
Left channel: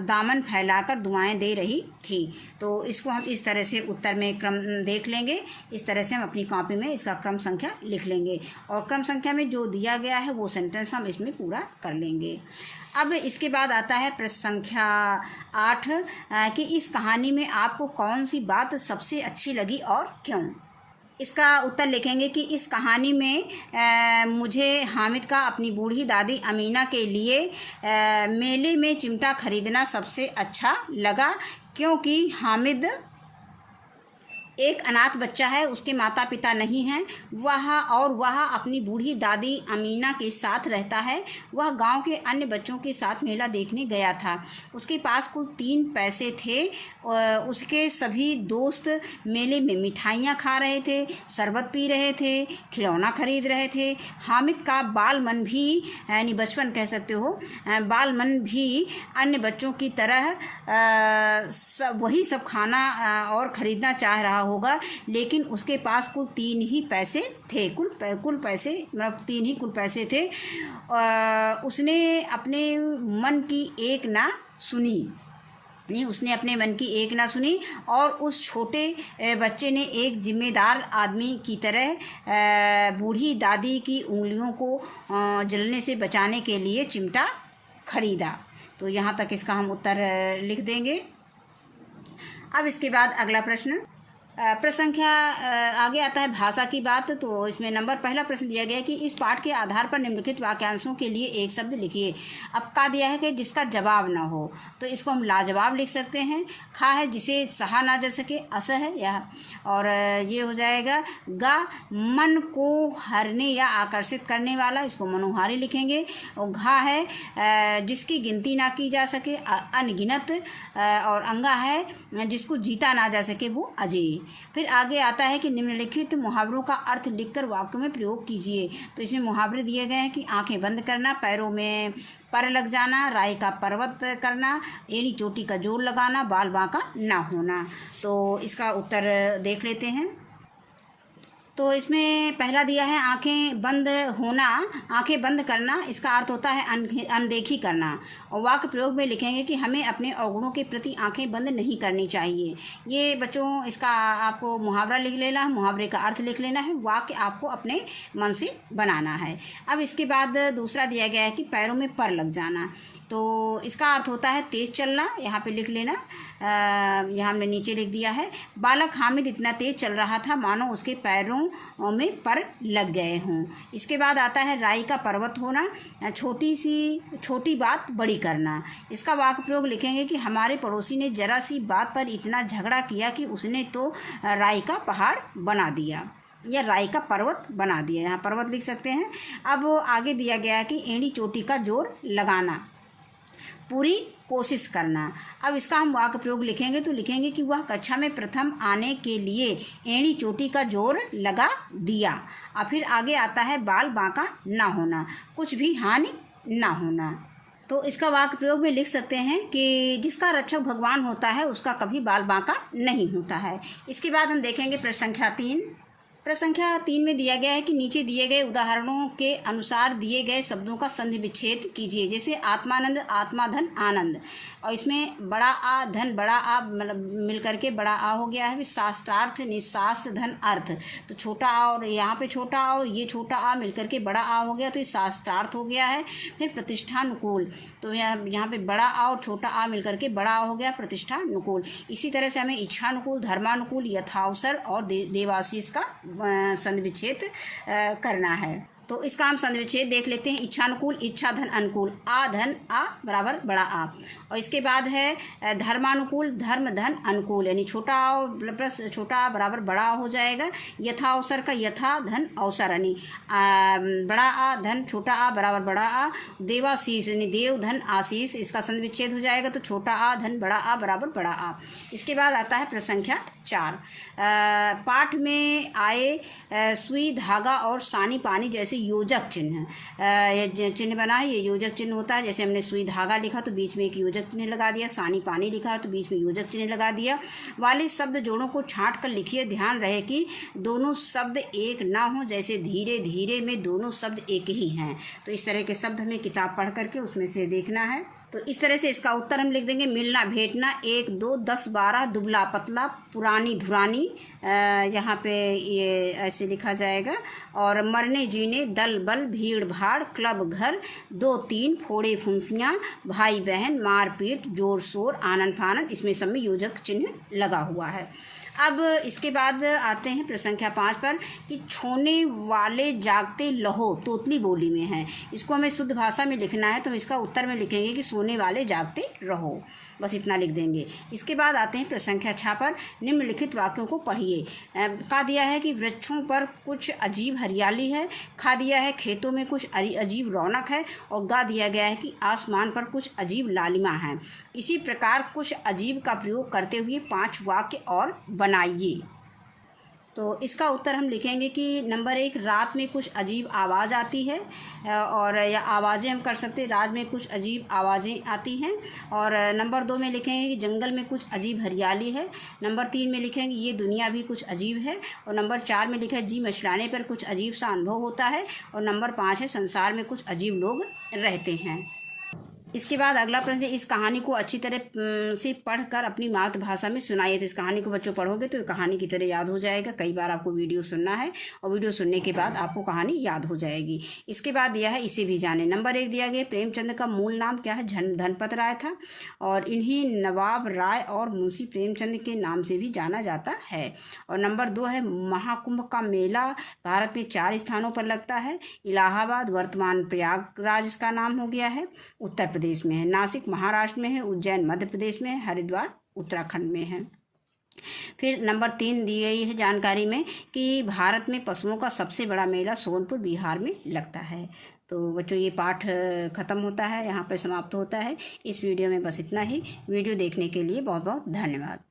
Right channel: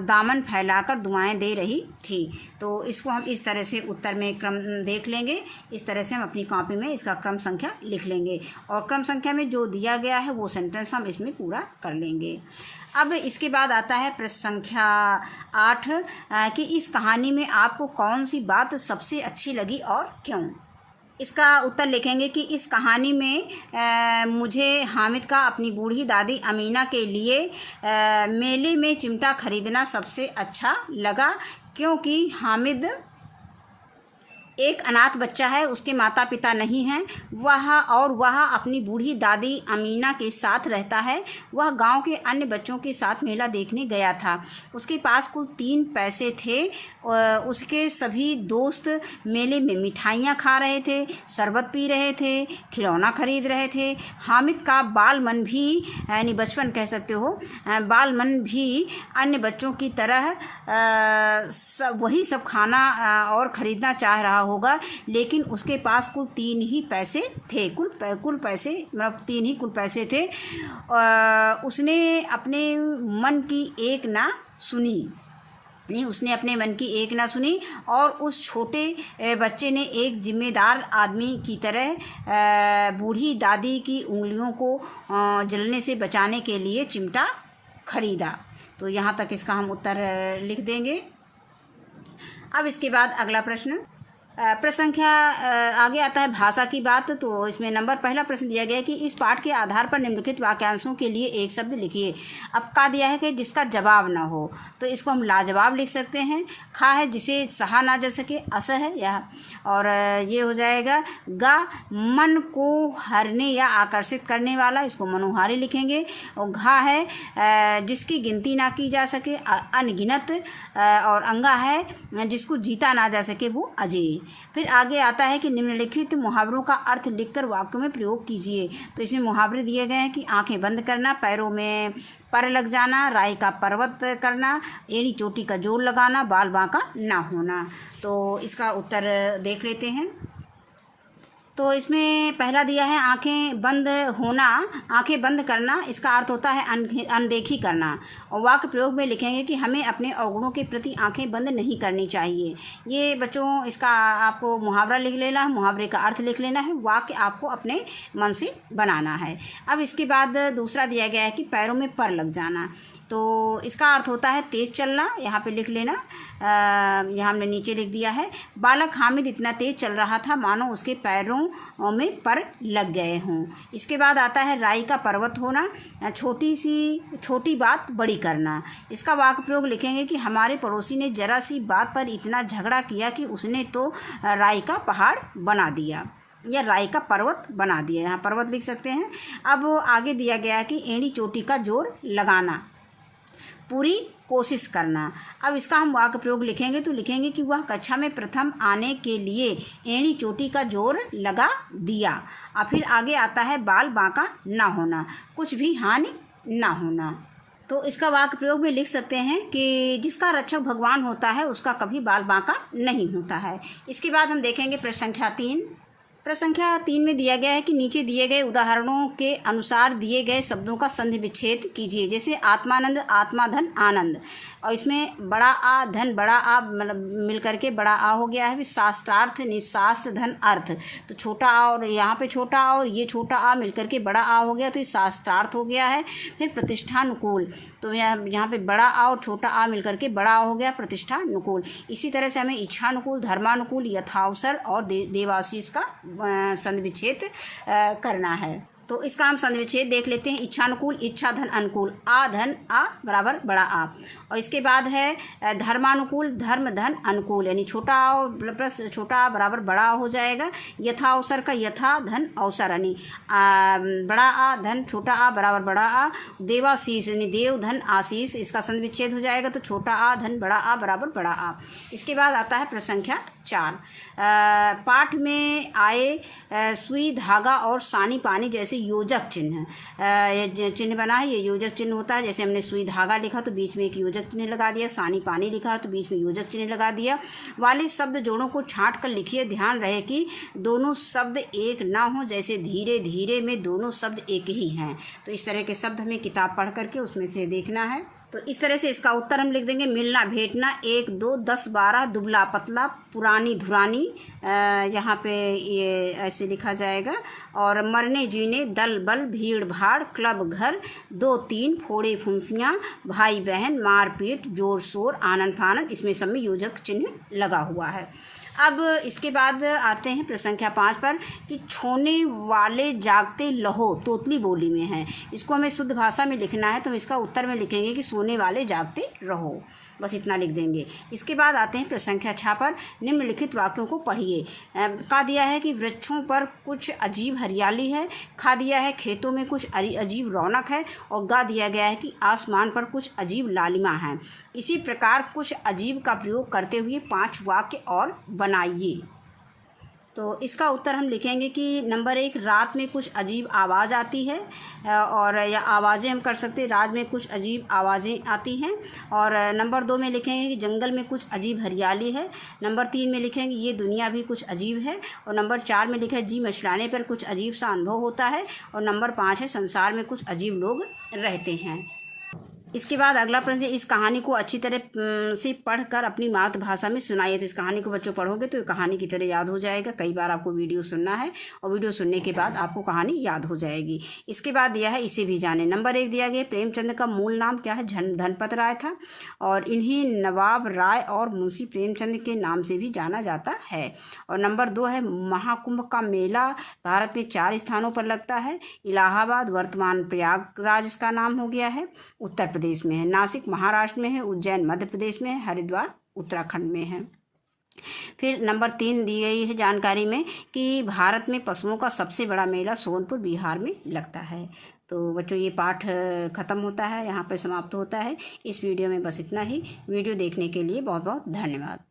दामन फैलाकर दुआएं दे रही थी। तो इसको हम इस तरह से उत्तर में क्रम देख लेंगे। इस तरह से हम अपनी कॉपी में इसका क्रम संख्या लिख लेंगे और क्रम संख्या में जो दिया गया है वो सेंटेंस हम इसमें पूरा कर लेंगे। अब इसके बाद आता है प्रश्न संख्या 8 कि इस कहानी में आपको कौन सी बात सबसे अच्छी लगी और क्यों। इसका उत्तर लिखेंगे कि इस कहानी में मुझे हामिद का अपनी बूढ़ी दादी अमीना के लिए मेले में चिमटा खरीदना सबसे अच्छा लगा, क्योंकि हामिद एक अनाथ बच्चा है, उसके माता पिता नहीं हैं, वह अपनी बूढ़ी दादी अमीना के साथ रहता है। वह गांव के अन्य बच्चों के साथ मेला देखने गया था। उसके पास कुल 3 पैसे थे। उसके सभी दोस्त मेले में मिठाइयाँ खा रहे थे, शरबत पी रहे थे, खिलौना खरीद रहे थे। हामिद का बाल मन भी, यानी बचपन कह सकते हो, बाल मन भी अन्य बच्चों की तरह वही सब खाना और ख़रीदना चाह रहा होगा, लेकिन उसके पास कुल 3 ही पैसे थे। कुल पैसे मतलब 3 ही कुल पैसे थे। उसने अपने मन की एक ना सुनी उसने अपने मन की एक ना सुनी और उस छोटे बच्चे ने एक जिम्मेदार आदमी की तरह बूढ़ी दादी की उंगलियों को जलने से बचाने के लिए चिमटा खरीदा। तो यहाँ तक इसका हम उत्तर लिख देंगे। अब इसके बाद अगला प्रश्न संख्या आगे आता है भाषा की बात। तो इसमें पहला प्रश्न दिया गया है कि इस पाठ के आधार पर निम्नलिखित वाक्यांशों के लिए एक शब्द लिखिए। अब का दिया है कि जिसका जवाब ना हो, तो इसको हम लाजवाब लिख सकते हैं। खा है जिसे सहा ना जा सके, अस है यह, और ये हो जाएगा गा मन को हरने या आकर्षित करने वाला, इसको मनोहारी लिखेंगे। और घा है जिसकी गिनती ना की जा सके, अनगिनत। और अंगा है जिसको जीता ना जा सके, वो अजय। फिर आगे आता है कि निम्नलिखित मुहावरों का अर्थ लिखकर वाक्य में प्रयोग कीजिए। तो इसमें मुहावरे दिए गए हैं कि आंखें बंद करना, पैरों में पर लग जाना, राई का पर्वत करना, एड़ी चोटी का जोर लगाना, बाल बांका ना होना। तो इसका उत्तर देख लेते हैं। तो इसमें पहला दिया है आंखें बंद होना, आंखें बंद करना, इसका अर्थ होता है अनदेखी करना। और वाक्य प्रयोग में लिखेंगे कि हमें अपने अवगुणों के प्रति आंखें बंद नहीं करनी चाहिए। ये बच्चों इसका आपको मुहावरा लिख लेना है, मुहावरे का अर्थ लिख लेना है, वाक्य आपको अपने मन से बनाना है। अब इसके बाद दूसरा दिया गया है कि पैरों में पर लग जाना। तो इसका अर्थ होता है तेज़ चलना, यहाँ पे लिख लेना। यहाँ हमने नीचे लिख दिया है बालक हामिद इतना तेज़ चल रहा था मानो उसके पैरों में पर लग गए हों। इसके बाद आता है राई का पर्वत होना, छोटी बात बड़ी करना। इसका वाक्य प्रयोग लिखेंगे कि हमारे पड़ोसी ने जरा सी बात पर इतना झगड़ा किया कि उसने तो राई का पहाड़ बना दिया या राई का पर्वत बना दिया। यहाँ पर्वत लिख सकते हैं। अब आगे दिया गया है कि एड़ी चोटी का जोर लगाना, पूरी कोशिश करना। अब इसका हम वाक्य प्रयोग लिखेंगे तो लिखेंगे कि वह कक्षा में प्रथम आने के लिए एड़ी चोटी का जोर लगा दिया। और फिर आगे आता है बाल बांका ना होना, कुछ भी हानि ना होना। तो इसका वाक्य प्रयोग में लिख सकते हैं कि जिसका रक्षक भगवान होता है उसका कभी बाल बांका नहीं होता है। इसके बाद हम देखेंगे प्रश्न संख्या 3। प्रश्न संख्या 3 में दिया गया है कि नीचे दिए गए उदाहरणों के अनुसार दिए गए शब्दों का संधि विच्छेद कीजिए। जैसे आत्मानंद, आत्मा धन आनंद, और इसमें बड़ा आ धन बड़ा आ मतलब मिल करके बड़ा आ हो गया है। शास्त्रार्थ निशास्त्र धन अर्थ, तो छोटा आ और यहाँ पे छोटा आ और ये छोटा आ मिल करके बड़ा आ हो गया, तो ये शास्त्रार्थ हो गया है। फिर प्रतिष्ठानुकूल, तो यहाँ पे बड़ा आ और छोटा आ मिल करके बड़ा आ हो गया, प्रतिष्ठानुकूल। इसी तरह से हमें इच्छानुकूल, धर्मानुकूल, यथावसर और देवाशीष का संधि विच्छेद करना है। तो इसका हम संधि विच्छेद देख लेते हैं। इच्छानुकूल, इच्छा धन अनुकूल, आ धन आ बराबर बड़ा आ। और इसके बाद है धर्मानुकूल, धर्म धन अनुकूल, यानी छोटा आ प्लस छोटा आ बराबर बड़ा आ हो जाएगा। यथा अवसर का यथा धन अवसर, यानी बड़ा आ धन छोटा आ बराबर बड़ा आ। देवाशीष यानी देव धन आशीष, इसका संधि विच्छेद हो जाएगा, तो छोटा आ धन बड़ा आ बराबर बड़ा आ। इसके बाद आता है प्रश्न संख्या 4 पाठ में आए सुई, धागा और सानी पानी जैसे योजक चिन्ह, ये चिन्ह बना है, ये योजक चिन्ह होता है। जैसे हमने सुई धागा लिखा तो बीच में एक योजक चिन्ह लगा दिया, सानी पानी लिखा तो बीच में योजक चिन्ह लगा दिया। वाले शब्द जोड़ों को छांट कर लिखिए। ध्यान रहे कि दोनों शब्द एक ना हो, जैसे धीरे धीरे में दोनों शब्द एक ही हैं। तो इस तरह के शब्द हमें किताब पढ़ करके उसमें से देखना है। तो इस तरह से इसका उत्तर हम लिख देंगे। मिलना, भेंटना, 1, 2, 10, 12, दुबला पतला, पुरानी धुरानी, यहाँ पे ये ऐसे लिखा जाएगा। और मरने जीने, दल बल, भीड़ भाड़, क्लब घर, 2, 3, फोड़े फुंसियाँ, भाई बहन, मारपीट, जोर शोर, आनन फानन, इसमें सब में योजक चिन्ह लगा हुआ है। अब इसके बाद आते हैं प्रश्न संख्या 5 पर कि छोने वाले जागते लहो तोतली बोली में है। इसको हमें शुद्ध भाषा में लिखना है, तो हम इसका उत्तर में लिखेंगे कि सोने वाले जागते रहो, बस इतना लिख देंगे। इसके बाद आते हैं प्रश्न संख्या 6 पर। निम्नलिखित वाक्यों को पढ़िए। कहा दिया है कि वृक्षों पर कुछ अजीब हरियाली है, खा दिया है खेतों में कुछ अजीब रौनक है, और गा दिया गया है कि आसमान पर कुछ अजीब लालिमा है। इसी प्रकार कुछ अजीब का प्रयोग करते हुए 5 वाक्य और बनाइए। तो इसका उत्तर हम लिखेंगे कि नंबर 1, रात में कुछ अजीब आवाज़ आती है, और या आवाज़ें हम कर सकते हैं, रात में कुछ अजीब आवाज़ें आती हैं। और नंबर 2 में लिखेंगे कि जंगल में कुछ अजीब हरियाली है। नंबर 3 में लिखेंगे ये दुनिया भी कुछ अजीब है। और नंबर 4 में लिखा है जी मचलाने पर कुछ अजीब सा अनुभव होता है। और नंबर 5 है संसार में कुछ अजीब लोग रहते हैं। इसके बाद अगला प्रश्न, इस कहानी को अच्छी तरह से पढ़कर अपनी मातृभाषा में सुनाइए। तो इस कहानी को बच्चों पढ़ोगे तो कहानी की तरह याद हो जाएगा। कई बार आपको वीडियो सुनना है और वीडियो सुनने के बाद आपको कहानी याद हो जाएगी। इसके बाद दिया है इसे भी जाने। नंबर 1 दिया गया प्रेमचंद का मूल नाम क्या है? धनपत राय था, और इन्हीं नवाब राय और मुंशी प्रेमचंद के नाम से भी जाना जाता है। और नंबर 2 है महाकुंभ का मेला भारत में 4 स्थानों पर लगता है। इलाहाबाद वर्तमान प्रयागराज इसका नाम हो गया है, उत्तर प्रदेश में है। नासिक महाराष्ट्र में है। उज्जैन मध्य प्रदेश में है। हरिद्वार उत्तराखंड में है। फिर नंबर 3 दी गई है जानकारी में कि भारत में पशुओं का सबसे बड़ा मेला सोनपुर बिहार में लगता है। तो बच्चों ये पाठ खत्म होता है, यहाँ पर समाप्त होता है। इस वीडियो में बस इतना ही। वीडियो देखने के लिए बहुत बहुत धन्यवाद।